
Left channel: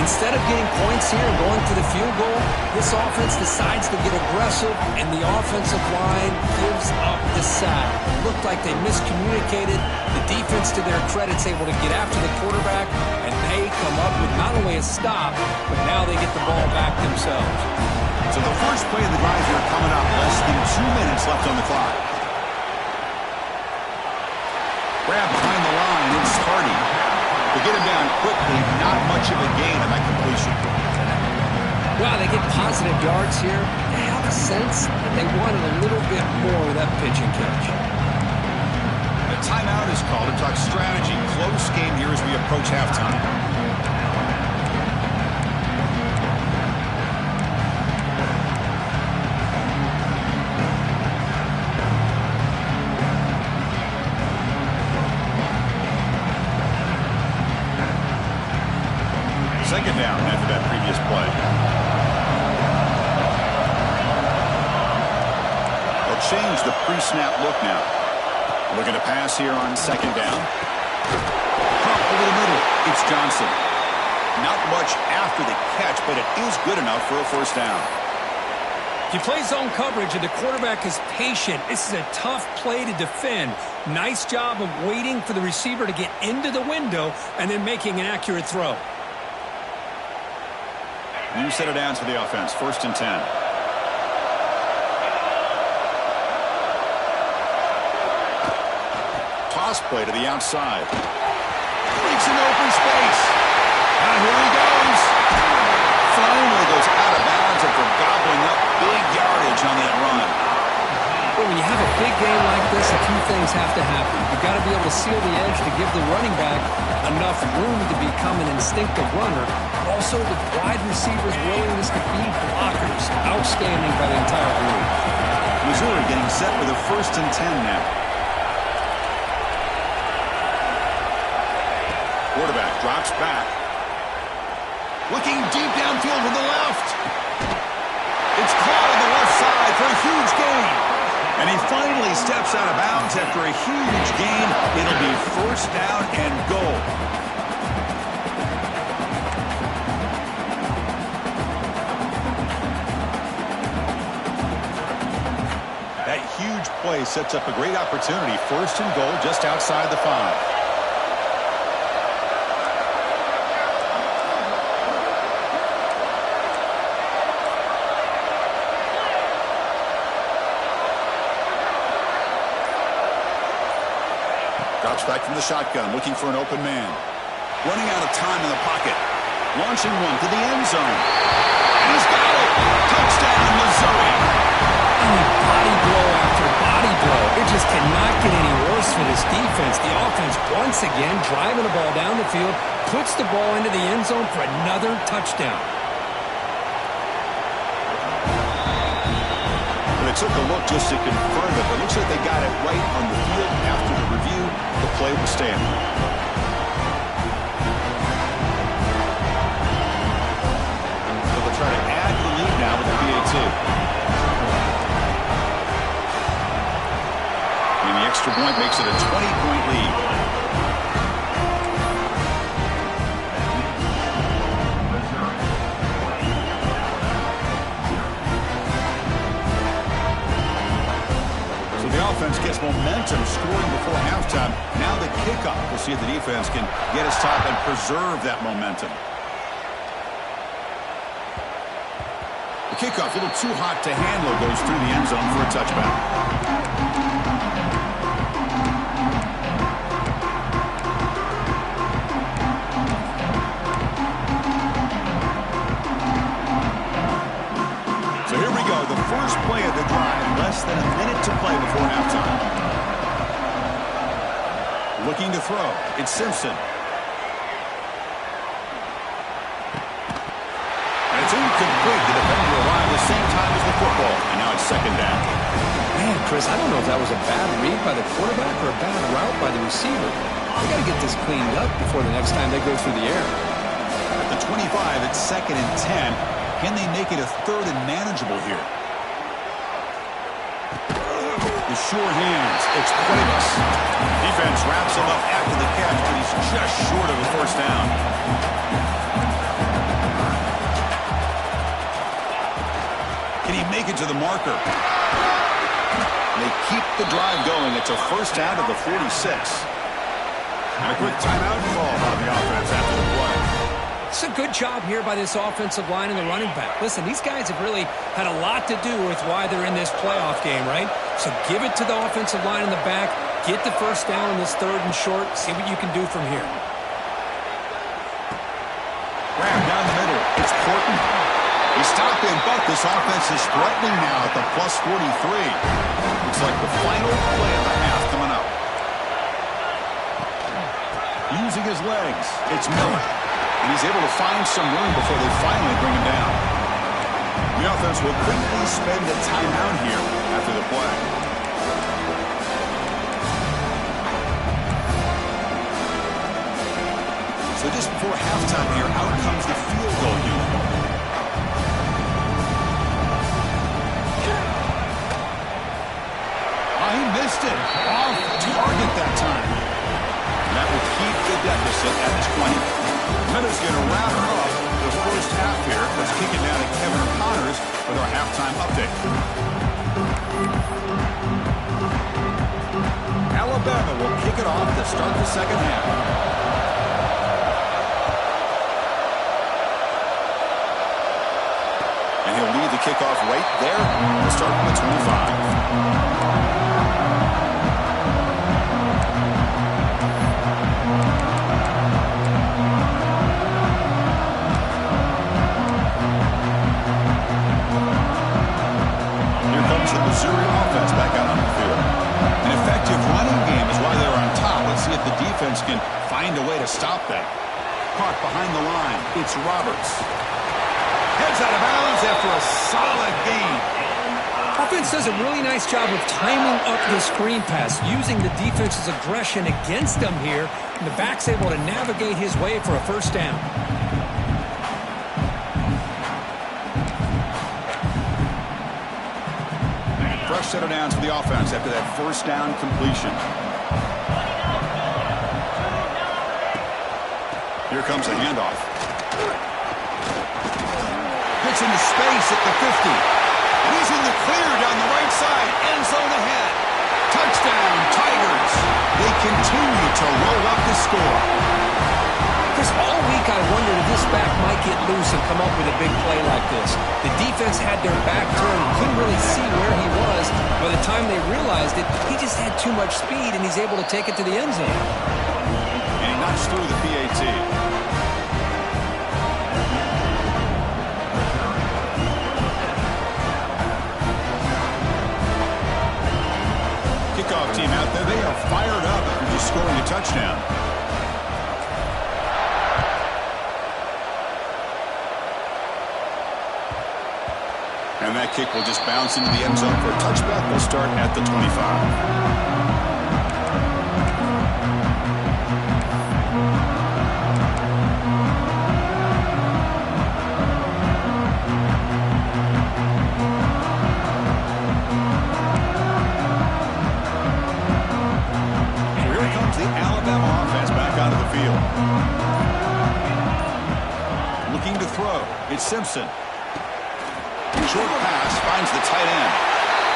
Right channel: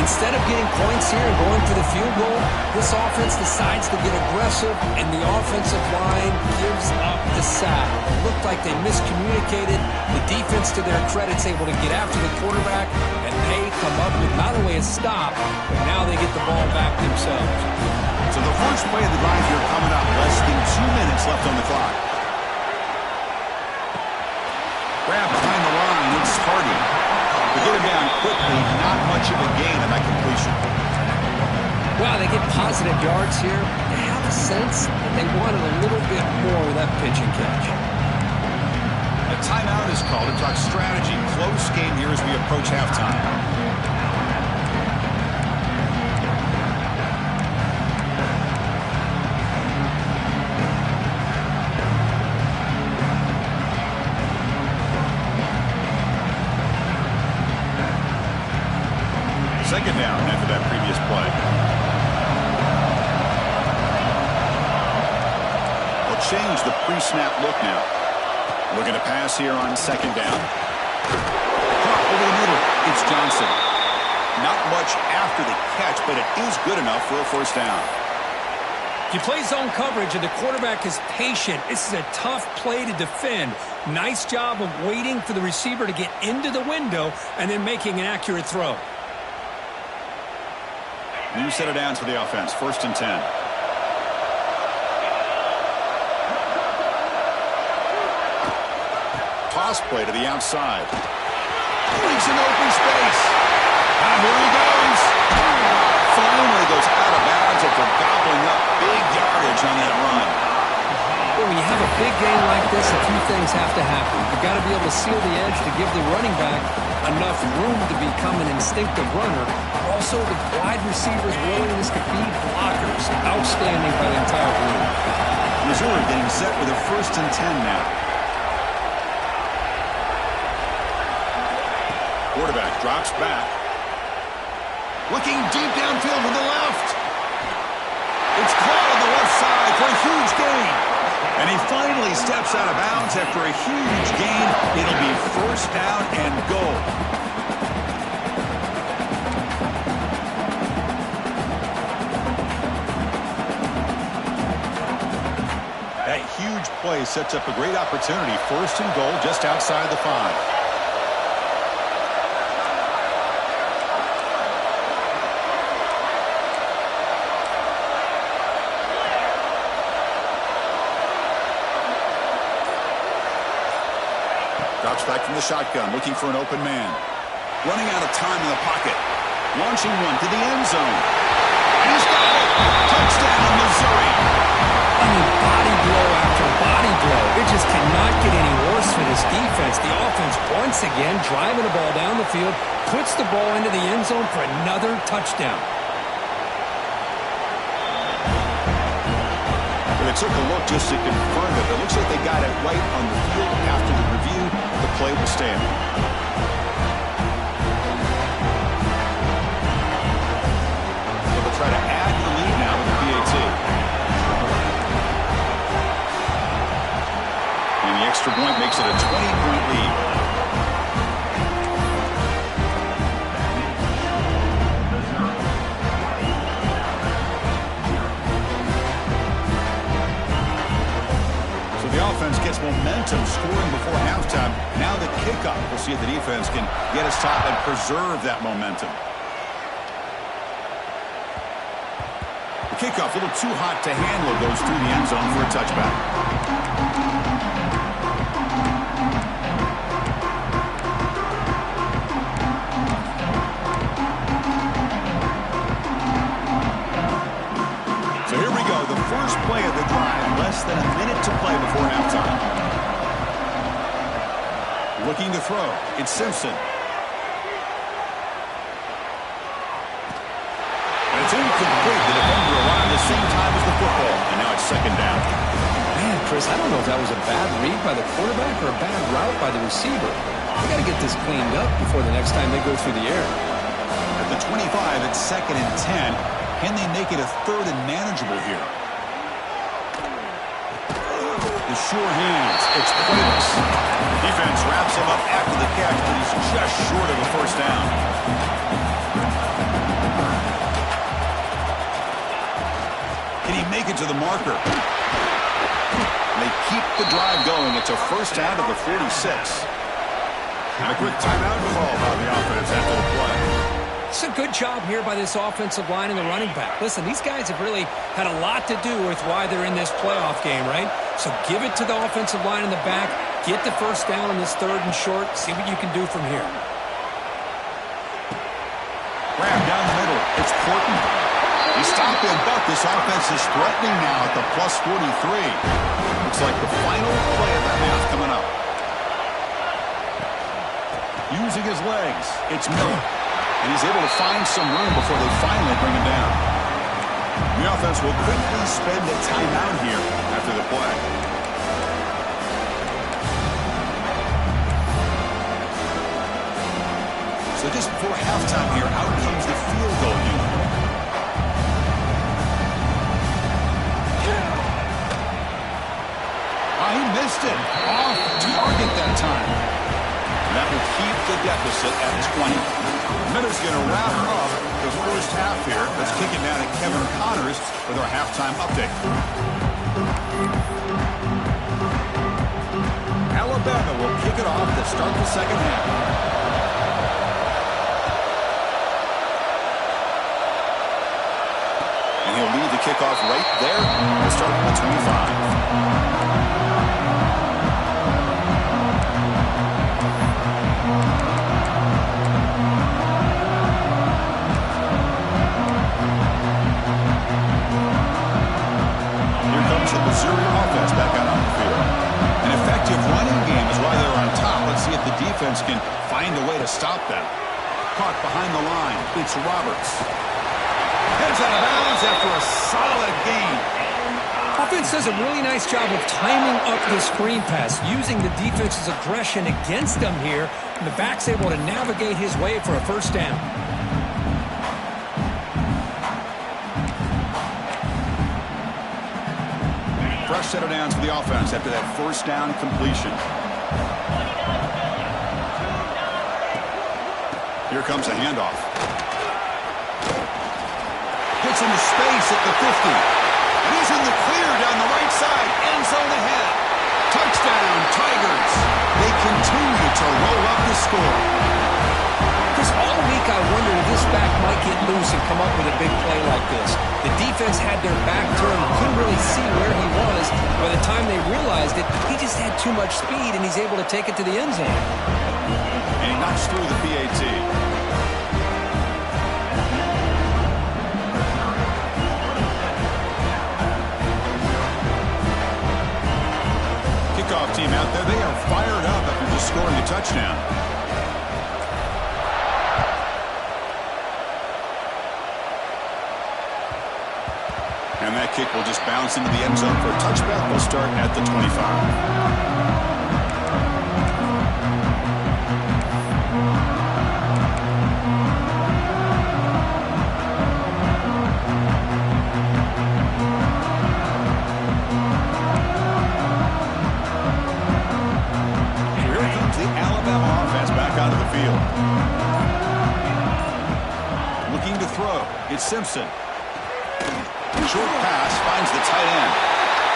Instead of getting points here and going for the field goal, this offense decides to get aggressive, and the offensive line gives up the sack. It looked like they miscommunicated. The defense, to their credit, is able to get after the quarterback, and they come up with not only a stop, but now they get the ball back themselves. So the first play of the drive here coming up. Less than 2 minutes left on the clock. Grab behind the line. It's Hardy. They get him down quickly. Not much of a gain on that completion. Wow, they get positive yards here. You have a sense that they wanted a little bit more with that pitch and catch. A timeout is called to talk strategy. Close game here as we approach halftime. Second down after that previous play. They'll change the pre-snap look now. Looking to pass here on 2nd down. Pump over the middle. It's Johnson. Not much after the catch, but it is good enough for a 1st down. If you play zone coverage and the quarterback is patient, this is a tough play to defend. Nice job of waiting for the receiver to get into the window and then making an accurate throw. New set of downs for the offense. 1st and 10. Toss play to the outside. Breaks in open space. Now here he goes. Finally goes out of bounds after gobbling up big yardage on that run. Well, when you have a big game like this, a few things have to happen. You've got to be able to seal the edge to give the running back enough room to become an instinctive runner. Also, the wide receivers' willingness to be blockers. Outstanding by the entire group. Missouri getting set with a 1st and 10 now. Quarterback drops back. Looking deep downfield to the left. It's caught on the left side for a huge gain. And he finally steps out of bounds after a huge gain. It'll be 1st down and goal. That huge play sets up a great opportunity. 1st and goal just outside the 5. Drops back from the shotgun, looking for an open man. Running out of time in the pocket. Launching one to the end zone. And he's got it! Touchdown, Missouri! I mean, body blow after body blow. It just cannot get any worse for this defense. The offense, once again, driving the ball down the field, puts the ball into the end zone for another touchdown. They took a look just to confirm it. It looks like they got it right on the field. After the review, the play will stand. So they'll try to add to the lead now with the PAT. And the extra point makes it a 20-point lead. The offense gets momentum scoring before halftime. Now the kickoff. We'll see if the defense can get us top and preserve that momentum. The kickoff, a little too hot to handle, goes through the end zone for a touchback. So here we go, the first play of the drive, less than a minute to play before halftime. Looking to throw, it's Simpson. And it's incomplete. The defender arrived at the same time as the football, and now it's second down. Man, Chris, I don't know if that was a bad read by the quarterback or a bad route by the receiver. They got to get this cleaned up before the next time they go through the air. At the 25, it's 2nd and 10. Can they make it a 3rd and manageable here? The sure hands. It's Cuevas. Defense wraps him up after the catch, but he's just short of a first down. Can he make it to the marker? They keep the drive going. It's a first down to the 46. And a quick timeout call by the offense after the play. It's a good job here by this offensive line and the running back. Listen, these guys have really had a lot to do with why they're in this playoff game, right? So give it to the offensive line in the back. Get the first down on this 3rd and short. See what you can do from here. Grab down the middle. It's Porton. They stop him, but this offense is threatening now at the plus 43. Looks like the final play of the half coming up. Using his legs, it's Miller. And he's able to find some room before they finally bring him down. The offense will quickly spend a timeout here after the play. So just before halftime here, out comes the field goal unit. He missed it. Off target that time. And that will keep the deficit at 20. Miller's going to wrap up the first half here. Let's kick it down to Kevin Connors with our halftime update. Alabama will kick it off to start the second half. And he'll lead the kickoff right there to start from the 25. The Missouri offense back out on the field. An effective running game is why they're on top. Let's see if the defense can find a way to stop them. Caught behind the line. It's Roberts. Heads out of bounds after a solid gain. Offense does a really nice job of timing up the screen pass, using the defense's aggression against them here, and the back's able to navigate his way for a first down. Fresh set of downs for the offense after that first down completion. Here comes a handoff. Gets into space at the 50. And he's in the clear down the right side. End zone ahead. Touchdown, Tigers. They continue to roll up the score. Chris, all week I wondered if this back might get loose and come up with a big play like this. The defense had their back turned, couldn't really see where he was. By the time they realized it, he just had too much speed, and he's able to take it to the end zone. And he knocks through the PAT. Kickoff team out there, they are fired up after just scoring a touchdown. And that kick will just bounce into the end zone for a touchback. They'll start at the 25. Here comes the Alabama offense back onto the field. Looking to throw. It's Simpson. Short pass finds the tight end.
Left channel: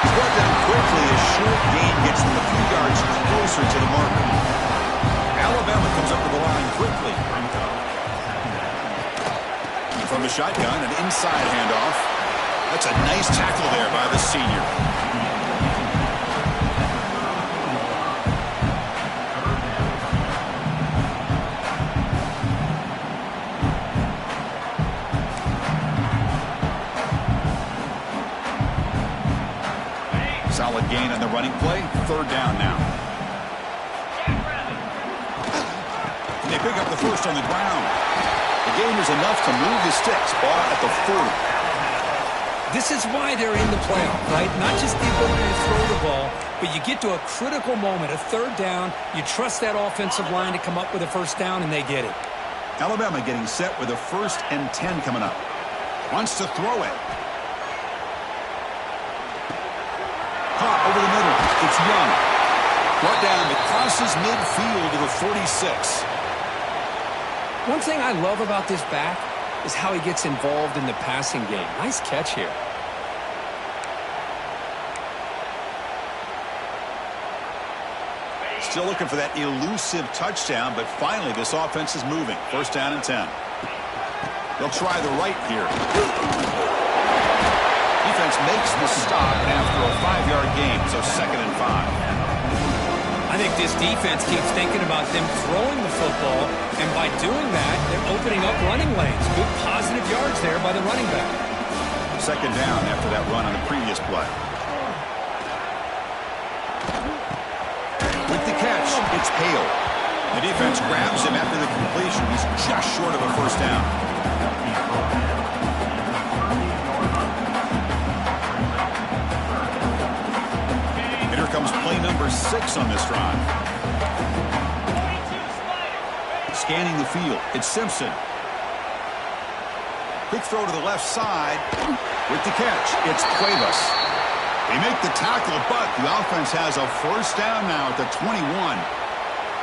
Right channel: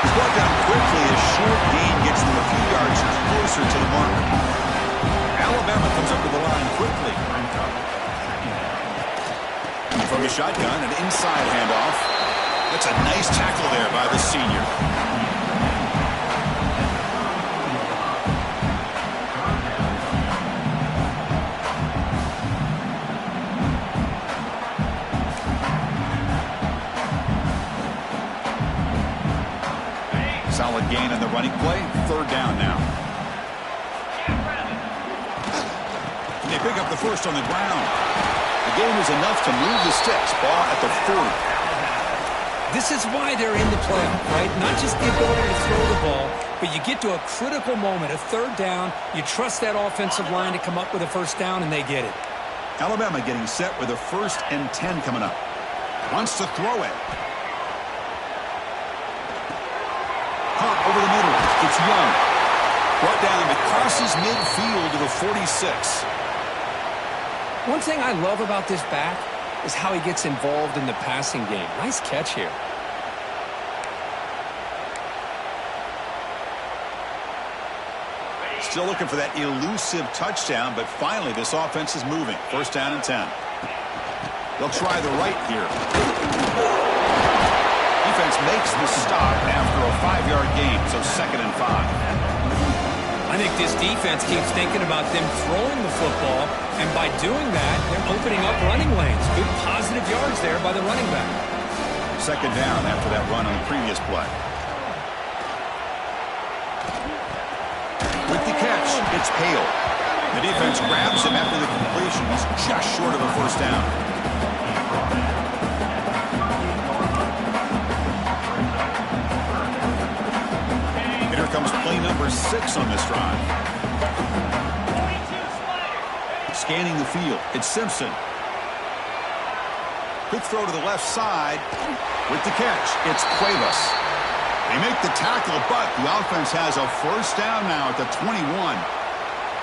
He's brought down quickly as short gain gets them a few yards closer to the marker. Alabama comes up to the line quickly. From the shotgun, an inside handoff. That's a nice tackle there by the senior. Solid gain on the running play. 3rd down now. They pick up the first on the ground. The gain is enough to move the sticks. Ball at the 40. This is why they're in the playoff, right? Not just the ability to throw the ball, but you get to a critical moment, a 3rd down. You trust that offensive line to come up with a first down, and they get it. Alabama getting set with a 1st and 10 coming up. Wants to throw it. Caught over the middle. It's Young. Brought down, but crosses midfield to the 46. One thing I love about this back is how he gets involved in the passing game. Nice catch here. Still looking for that elusive touchdown, but finally this offense is moving. 1st down and 10. They'll try the right here. Defense makes the stop after a 5-yard gain, so 2nd and 5. I think this defense keeps thinking about them throwing the football, and by doing that, they're opening up running lanes. Good positive yards there by the running back. 2nd down after that run on the previous play. With the catch, it's Hale. The defense grabs him after the completion. He's just short of a 1st down. Here comes play number 6 on this drive. Scanning the field. It's Simpson. Quick throw to the left side. With the catch, it's Cuevas. They make the tackle, but the offense has a 1st down now at the 21.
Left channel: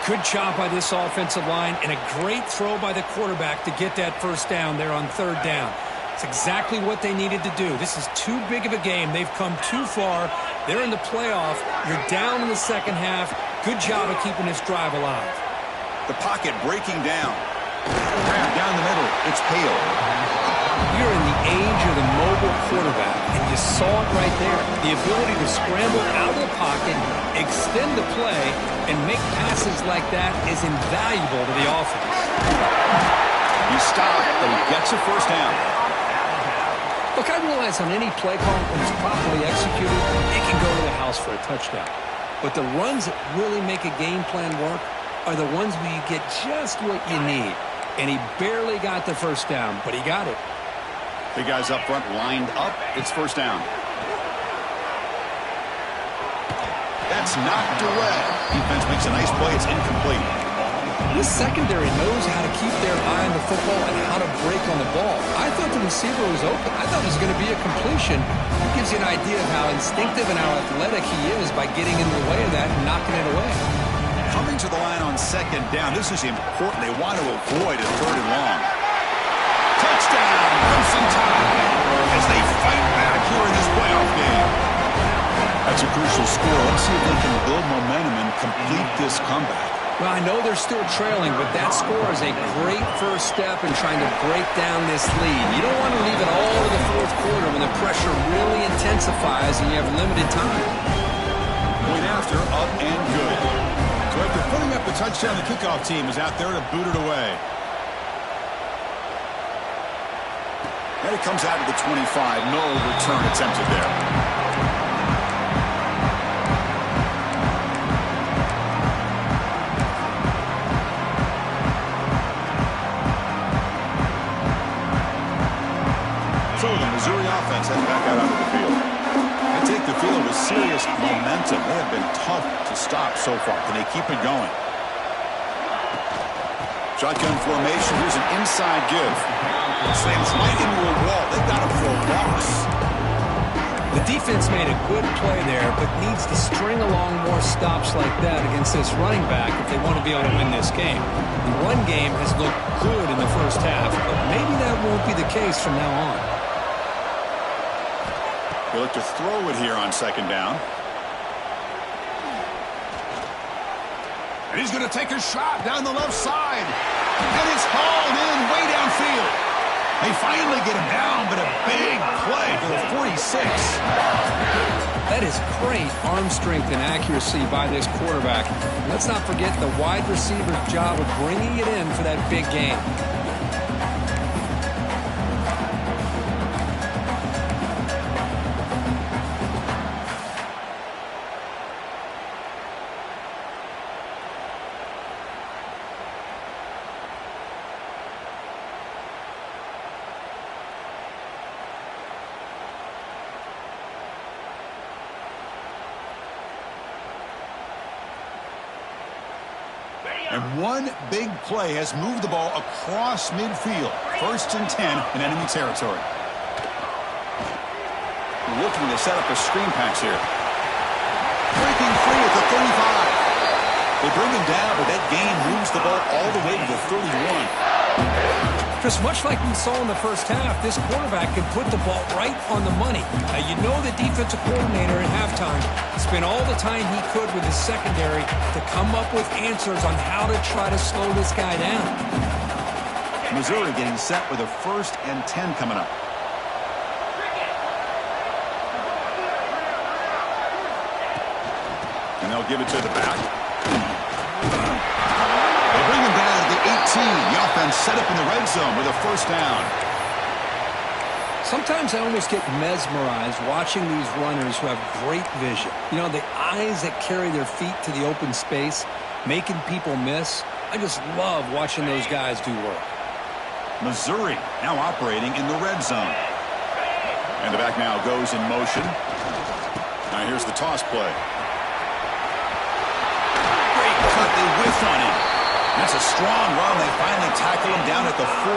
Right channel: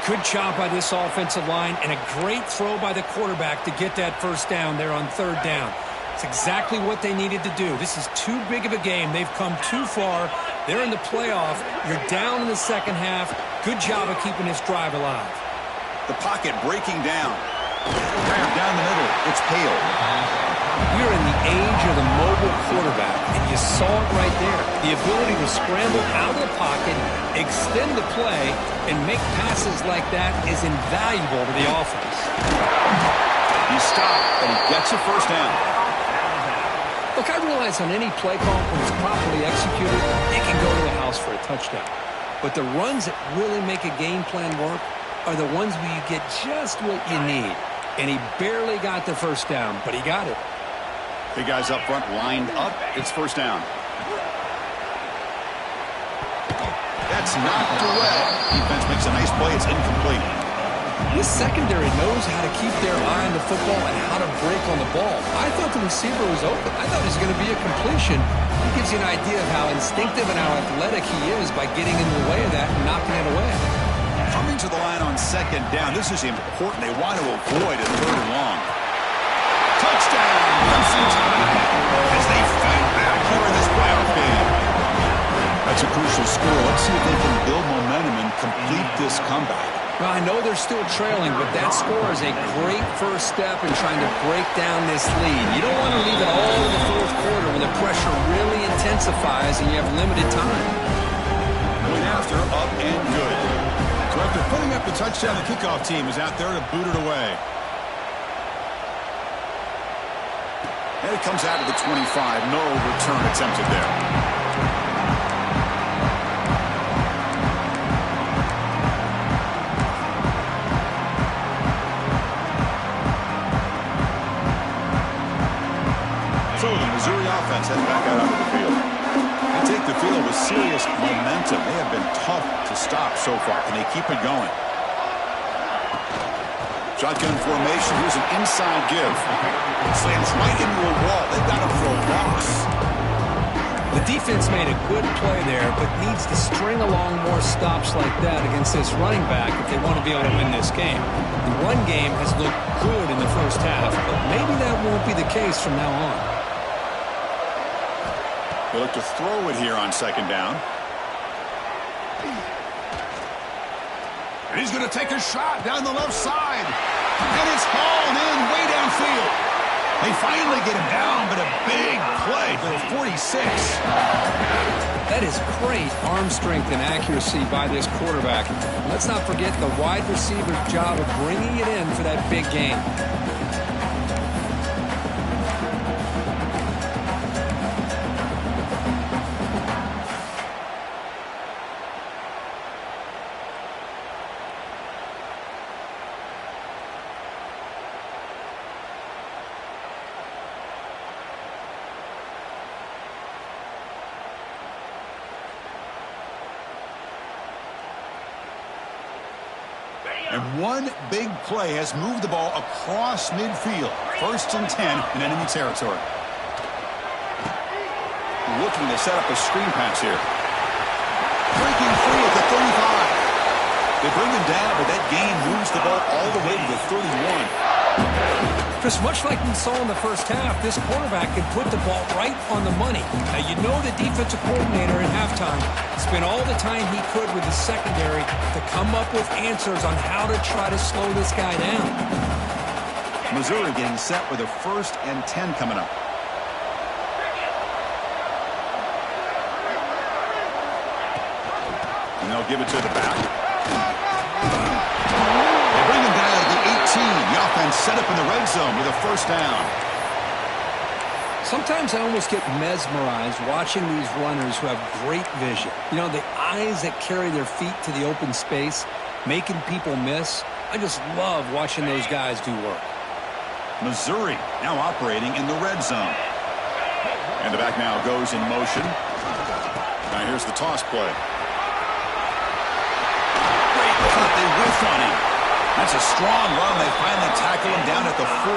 Good job by this offensive line, and a great throw by the quarterback to get that 1st down there on 3rd down. It's exactly what they needed to do. This is too big of a game. They've come too far. They're in the playoff. You're down in the 2nd half. Good job of keeping this drive alive. The pocket breaking down. Grab down the middle. It's Hale. We're in the age of the mobile quarterback, and you saw it right there. The ability to scramble out of the pocket, extend the play, and make passes like that is invaluable to the offense. He stopped, but he gets a 1st down. Look, I realize on any play call, when it's properly executed, it can go to the house for a touchdown. But the runs that really make a game plan work are the ones where you get just what you need. And he barely got the 1st down, but he got it. The guys up front lined up. It's 1st down. That's knocked away. Defense makes a nice play. It's incomplete. This secondary knows how to keep their eye on the football and how to break on the ball. I thought the receiver was open. I thought it was going to be a completion. It gives you an idea of how instinctive and how athletic he is by getting into the way of that and knocking it away. Coming to the line on 2nd down. This is important. They want to avoid a 3rd and long. Touchdown, Crimson Tide, as they fight back here in this playoff game. That's a crucial score. Let's see if they can build momentum and complete this comeback. Well, I know they're still trailing, but that score is a great first step in trying to break down this lead. You don't want to leave it all to the 4th quarter when the pressure really intensifies and you have limited time. Point after, up and good. So after putting up the touchdown, the kickoff team is out there to boot it away. And it comes out to the 25. No return attempted there. So the Missouri offense heads back out onto the field. They take the field with serious momentum. They have been tough to stop so far. Can they keep it going? Shotgun formation. Here's an inside give. Slams right into a wall. They've got him for a loss. The defense made a good play there, but needs to string along more stops like that against this running back if they want to be able to win this game. The run game has looked good in the first half, but maybe that won't be the case from now on. They look to throw it here on 2nd down. And he's going to take a shot down the left side. And it's hauled in way downfield. They finally get him down, but a big play for the 46. That is great arm strength and accuracy by this quarterback. Let's not forget the wide receiver's job of bringing it in for that big game. And one big play has moved the ball across midfield. 1st and 10 in enemy territory. Looking to set up a screen pass here. Breaking free at the 35. They bring him down, but that gain moves the ball all the way to the 31. Chris, much like we saw in the first half, this quarterback can put the ball right on the money. Now, you know the defensive coordinator at halftime spent all the time he could with his secondary to come up with answers on how to try to slow this guy down. Missouri getting set with a 1st and 10 coming up. And they'll give it to the back. They bring him down to the 18. The offense set up in the red zone with a 1st down. Sometimes I almost get mesmerized watching these runners who have great vision. You know, the eyes that carry their feet to the open space, making people miss. I just love watching those guys do work. Missouri now operating in the red zone. And the back now goes in motion. Now here's the toss play. Great cut. They whiff on him. That's a strong run. They finally tackle him down at the 4.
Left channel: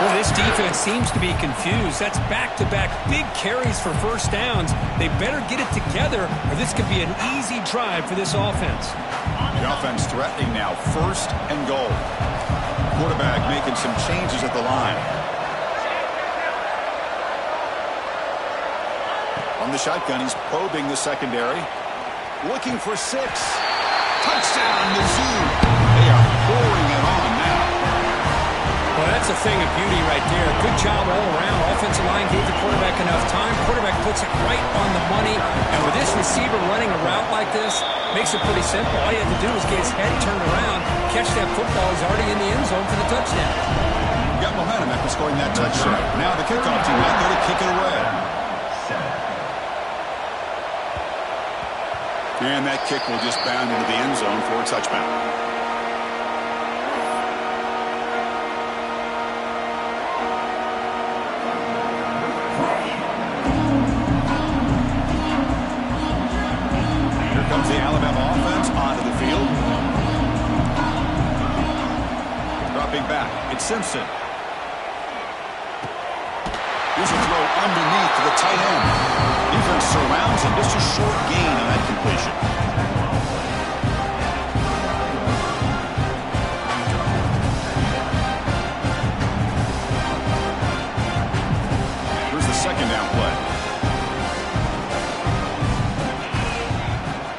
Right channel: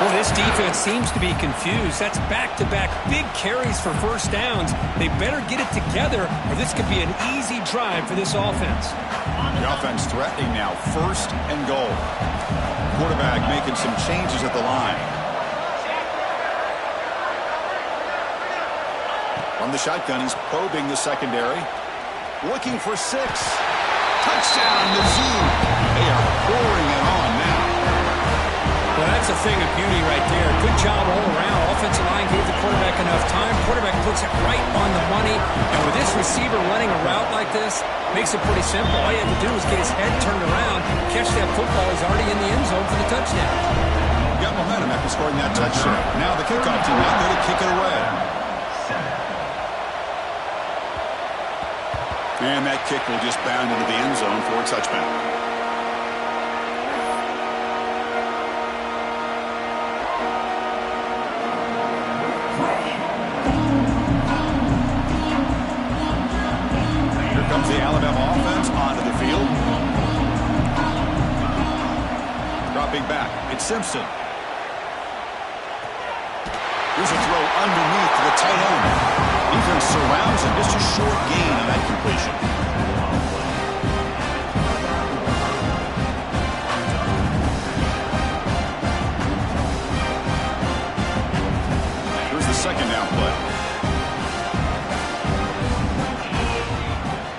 Well, this defense seems to be confused. That's back-to-back big carries for 1st downs. They better get it together, or this could be an easy drive for this offense. The offense threatening now, 1st and goal. Quarterback making some changes at the line. From the shotgun, he's probing the secondary. Looking for 6. Touchdown, Mizzou. They are pouring it on now. Well, that's a thing of beauty right there. Good job all around. Offensive line gave the quarterback enough time. Quarterback puts it right on the money. And with this receiver running a route like this, makes it pretty simple. All you have to do is get his head turned around, catch that football. He's already in the end zone for the touchdown. Got momentum after scoring that touchdown. Now the kickoff team out there to kick it away. And that kick will just bound into the end zone for a touchdown. Here comes the Alabama offense onto the field. Dropping back, it's Simpson. Here's a throw underneath to the tight end. Defense surrounds him. Just a short gain on that completion. Here's the 2nd down play.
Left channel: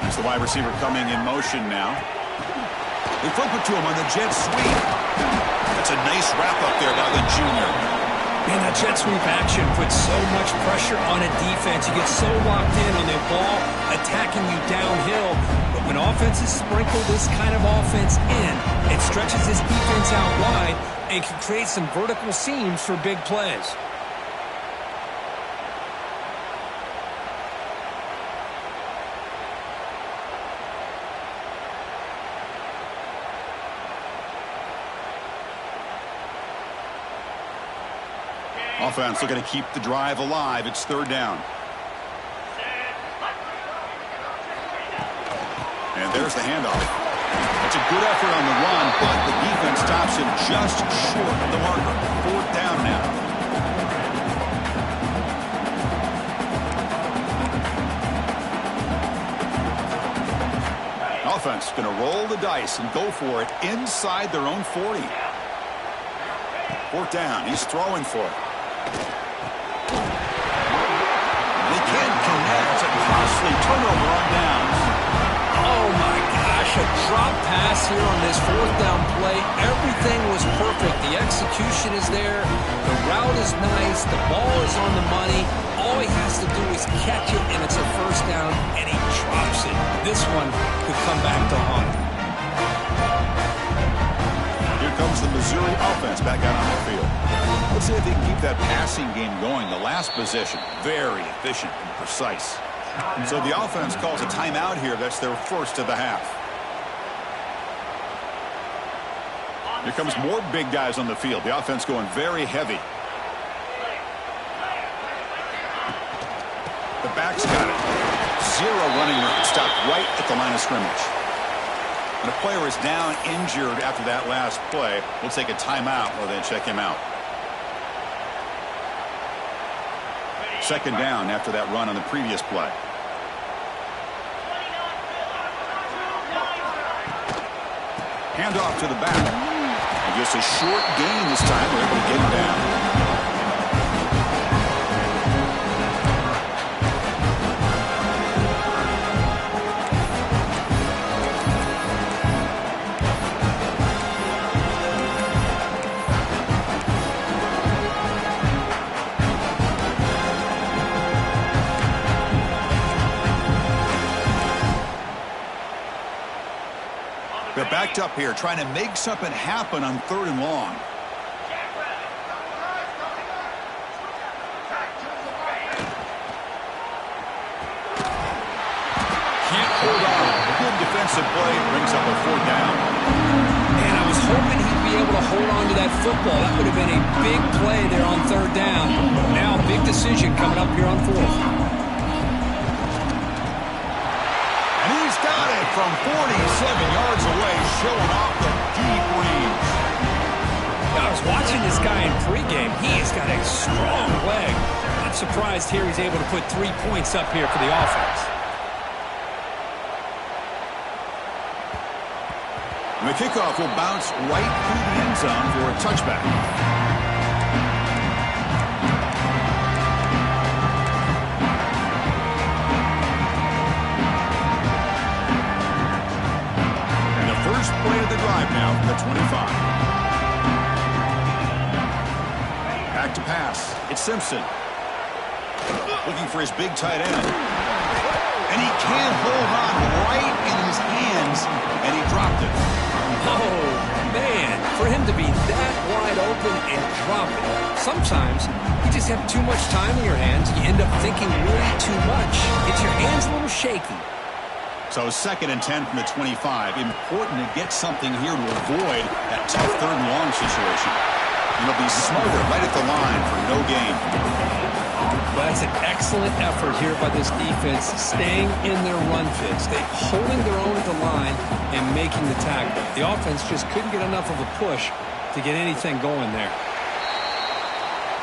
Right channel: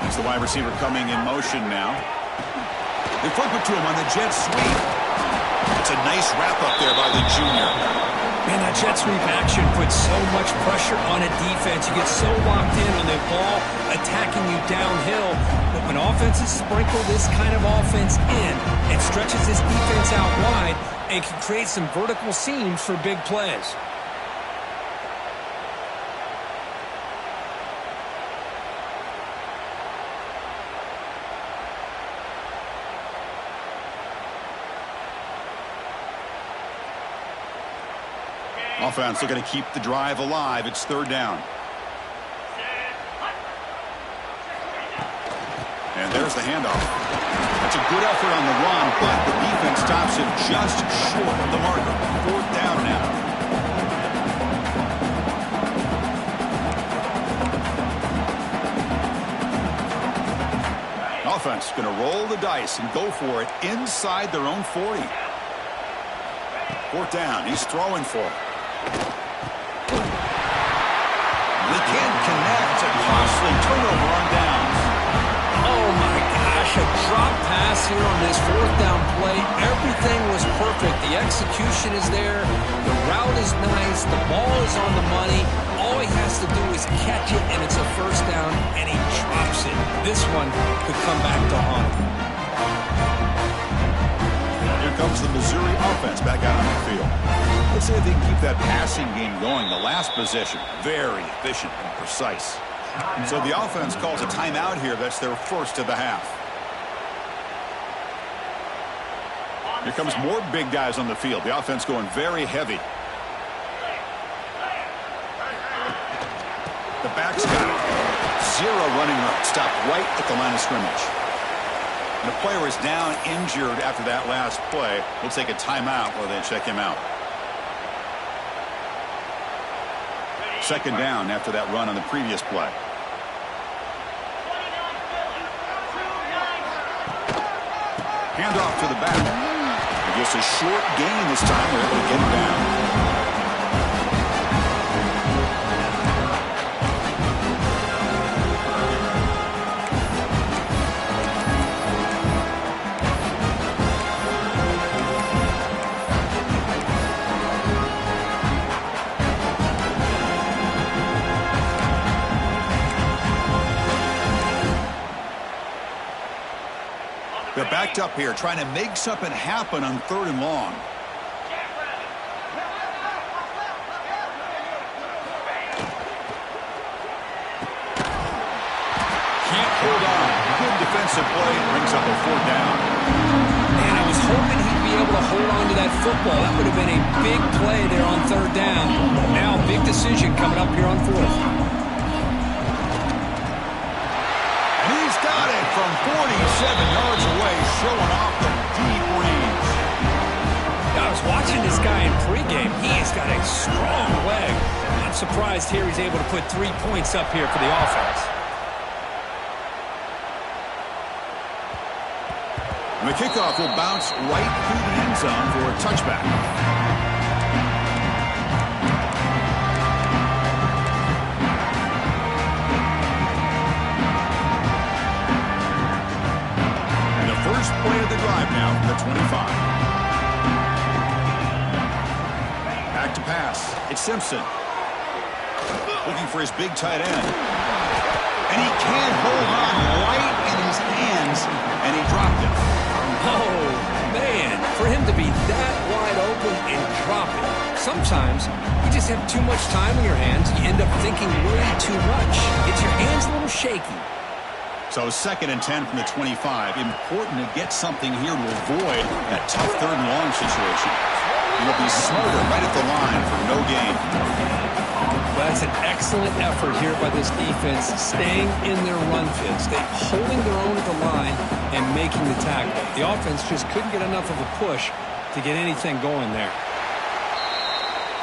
That's the wide receiver coming in motion now. They flip it to him on the jet sweep. That's a nice wrap up there by the junior. Man, that jet sweep action puts so much pressure on a defense. You get so locked in on the ball attacking you downhill. But when offenses sprinkle this kind of offense in, it stretches this defense out wide and can create some vertical seams for big plays. Offense looking to keep the drive alive. It's 3rd down. And there's the handoff. That's a good effort on the run, but the defense stops him just short of the marker. 4th down now. Offense going to roll the dice and go for it inside their own 40. 4th down. He's throwing for it. They can't connect. It's a costly turnover on downs. Oh, my gosh, a drop pass here on this fourth down play. Everything was perfect. The execution is there. The route is nice. The ball is on the money. All he has to do is catch it, and it's a first down, and he drops it. This one could come back to haunt him. Here comes the Missouri offense back out on the field. Let's see if they can keep that passing game going. The last possession, very efficient and precise. So the offense calls a timeout here. That's their first of the half. Here comes more big guys on the field. The offense going very heavy. The back's got it. Zero running room. Stopped right at the line of scrimmage. And a player is down injured after that last play. We'll take a timeout while they check him out. Second down after that run on the previous play. Handoff to the back. And just a short gain this time. We're able to get him down. They're backed up here, trying to make something happen on 3rd and long. Can't hold on. Good defensive play. Brings up a 4th down. Man, I was hoping he'd be able to hold on to that football. That would have been a big play there on 3rd down. Now, big decision coming up here on 4th. Got it from 47 yards away, showing off the deep range. I was watching this guy in pregame. He has got a strong leg. Not surprised here he's able to put 3 points up here for the offense. And the kickoff will bounce right through the end zone for a touchback. First play of the drive now from the 25. Back to pass. It's Simpson. Looking for his big tight end. And he can't hold on right in his hands, and he dropped it. Oh, man. For him to be that wide open and drop it. Sometimes you just have too much time in your hands. You end up thinking way too much. Gets your hands a little shaky. So 2nd and 10 from the 25. Important to get something here to avoid that tough 3rd and long situation. You'll be smarter right at the line for no gain. Well, that's an excellent effort here by this defense, staying in their run fits. They holding their own at the line and making the tackle. The offense just couldn't get enough of a push to get anything going there.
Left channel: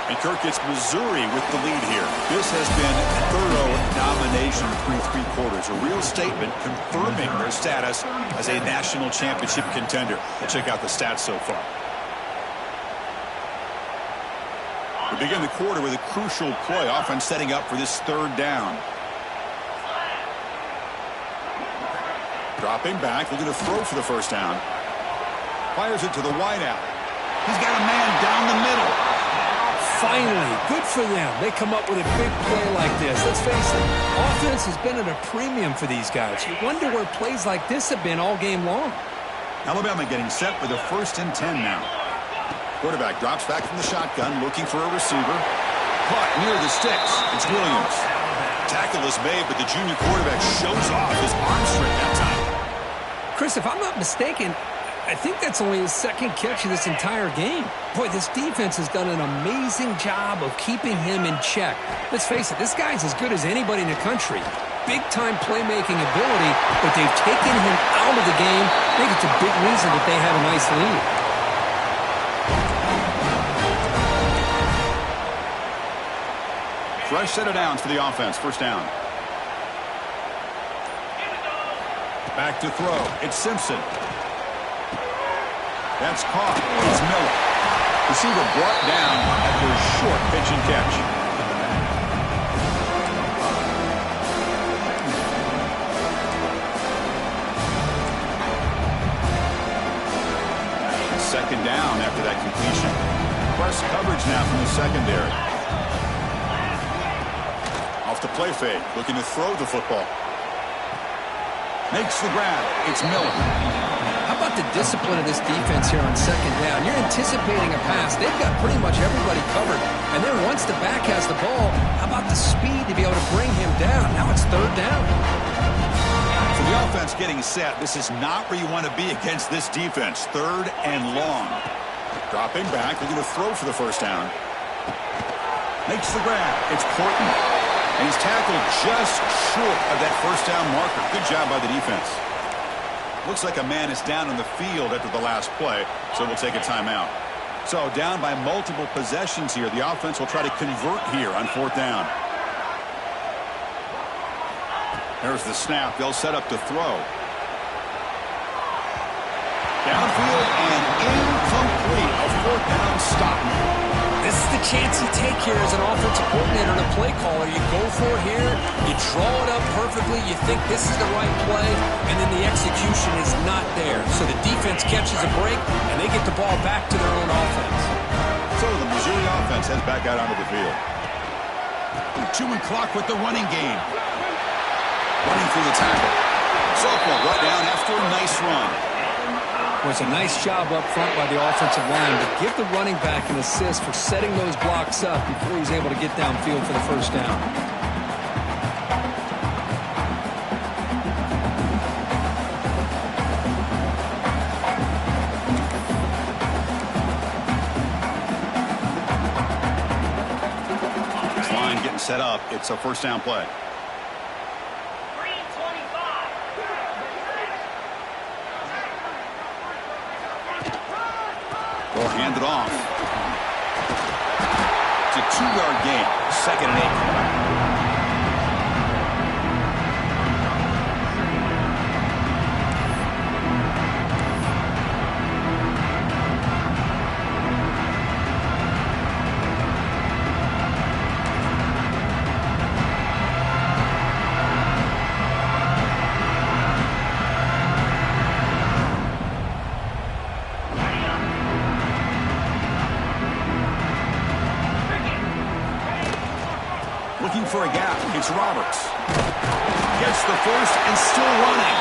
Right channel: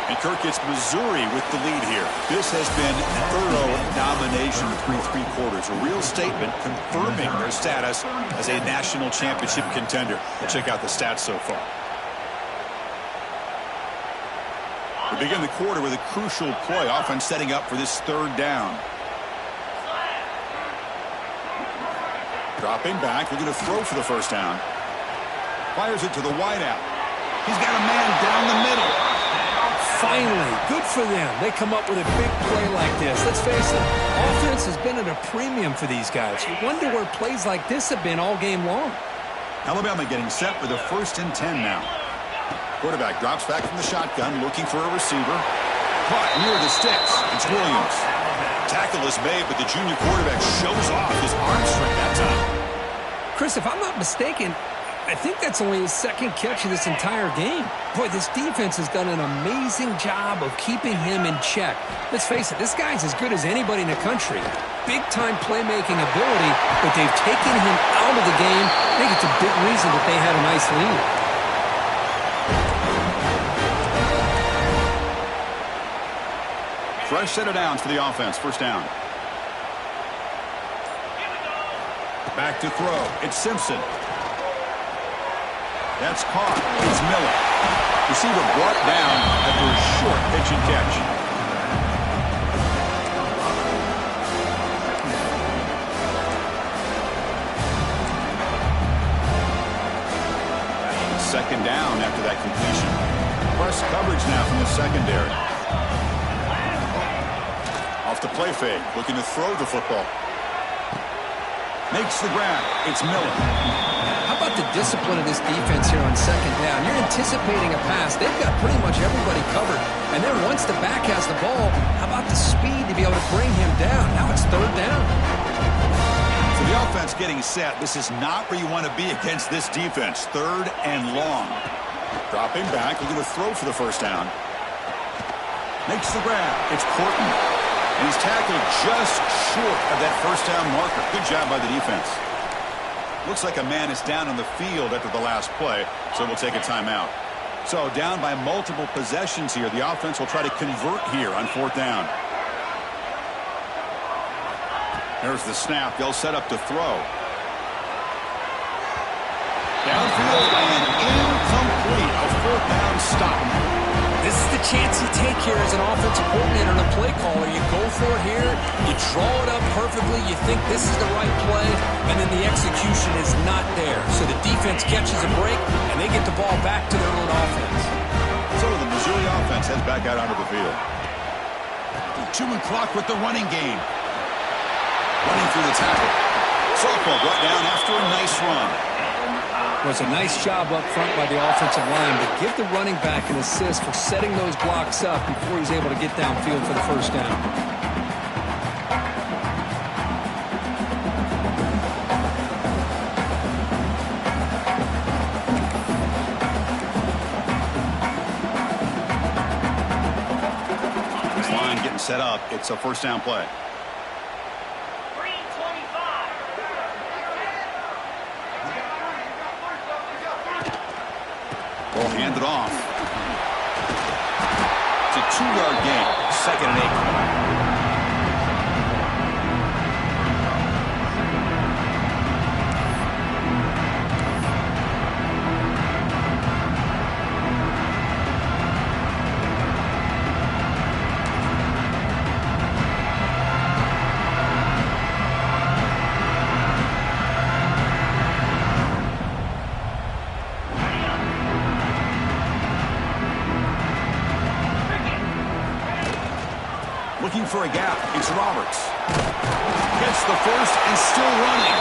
And Kirk, it's Missouri with the lead here. This has been thorough domination through 3 quarters. A real statement confirming their status as a national championship contender. We'll check out the stats so far. We begin the quarter with a crucial play. Offense setting up for this 3rd down. Dropping back, looking to throw for the first down. Fires it to the wideout. He's got a man down the middle. Finally, good for them. They come up with a big play like this. Let's face it, offense has been at a premium for these guys. You wonder where plays like this have been all game long. Alabama getting set with a 1st and 10 now. Quarterback drops back from the shotgun, looking for a receiver. Caught near the sticks. It's Williams. Tackle is made, but the junior quarterback shows off his arm strength that time. Chris, if I'm not mistaken, I think that's only his 2nd catch of this entire game. Boy, this defense has done an amazing job of keeping him in check. Let's face it, this guy's as good as anybody in the country. Big-time playmaking ability, but they've taken him out of the game. I think it's a big reason that they had a nice lead. Fresh set of downs for the offense. First down. Back to throw. It's Simpson. That's caught. It's Miller. Receiver brought down after a short pitch and catch. second down after that completion. Press coverage now from the secondary. Off the play fake, looking to throw the football. Makes the grab. It's Miller. How about the discipline of this defense here on second down? You're anticipating a pass. They've got pretty much everybody covered. And then once the back has the ball, how about the speed to be able to bring him down? Now it's third down. So the offense getting set. This is not where you want to be against this defense. Third and long. Dropping back, looking to throw for the first down. Makes the grab. It's Corton. And he's tackled just short of that first down marker. Good job by the defense. Looks like a man is down on the field after the last play, so we'll take a timeout. So down by multiple possessions here. The offense will try to convert here on fourth down. There's the snap. They'll set up to throw. Downfield and incomplete. A fourth down stop. This is the chance you take here as an offensive coordinator and a play caller. You go for it here, you draw it up perfectly, you think this is the right play, and then the execution is not there. So the defense catches a break, and they get the ball back to their own offense. So the Missouri offense heads back out onto the field. Chewing clock with the running game. Running through the tackle. Softball brought down after a nice run. Was a nice job up front by the offensive line, but give the running back an assist for setting those blocks up before he's able to get downfield for the first down. This line getting set up. It's a first down play. Will hand it off. It's a 2-yard gain. 2nd and 8. Looking for a gap. It's Roberts. Gets the first and still running.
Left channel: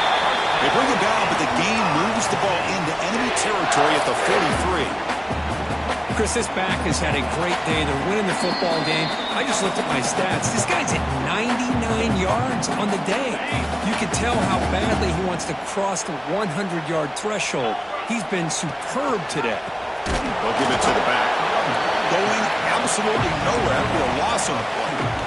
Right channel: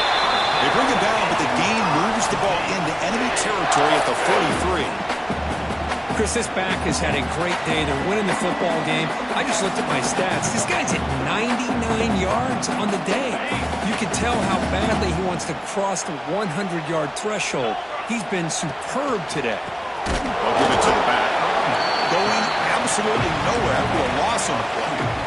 They bring him down, but the gain moves the ball into enemy territory at the 43. Chris, this back has had a great day. They're winning the football game. I just looked at my stats. This guy's hit 99 yards on the day. You can tell how badly he wants to cross the 100-yard threshold. He's been superb today. They'll give it to the back. Going absolutely nowhere. That would be a loss on the play.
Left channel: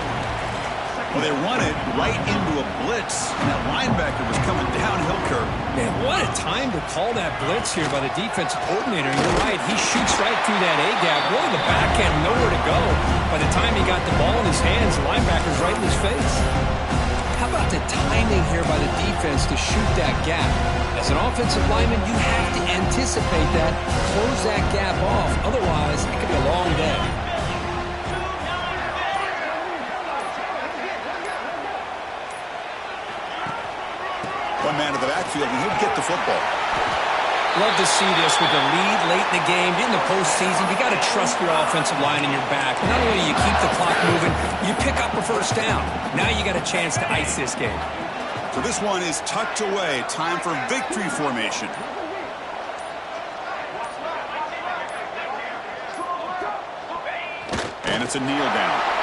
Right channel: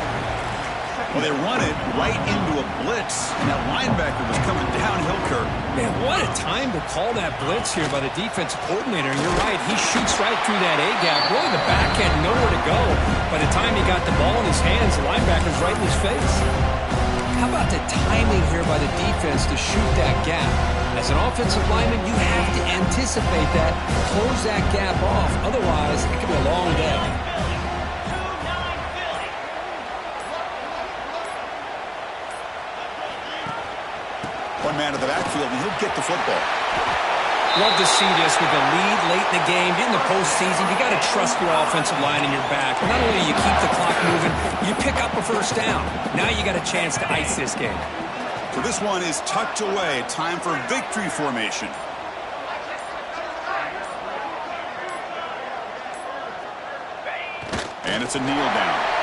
Well, they run it right into a blitz, and that linebacker was coming downhill curve. Man, what a time to call that blitz here by the defensive coordinator. You're right, he shoots right through that A-gap. Really, the back had nowhere to go. By the time he got the ball in his hands, the linebacker's right in his face. How about the timing here by the defense to shoot that gap? As an offensive lineman, you have to anticipate that, close that gap off. Otherwise, it could be a long day. One man to the backfield, and he'll get the football. Love to see this with the lead late in the game. In the postseason, you got to trust your offensive line and your back. Not only do you keep the clock moving, you pick up a first down. Now you got a chance to ice this game. So this one is tucked away. Time for victory formation. And it's a kneel down.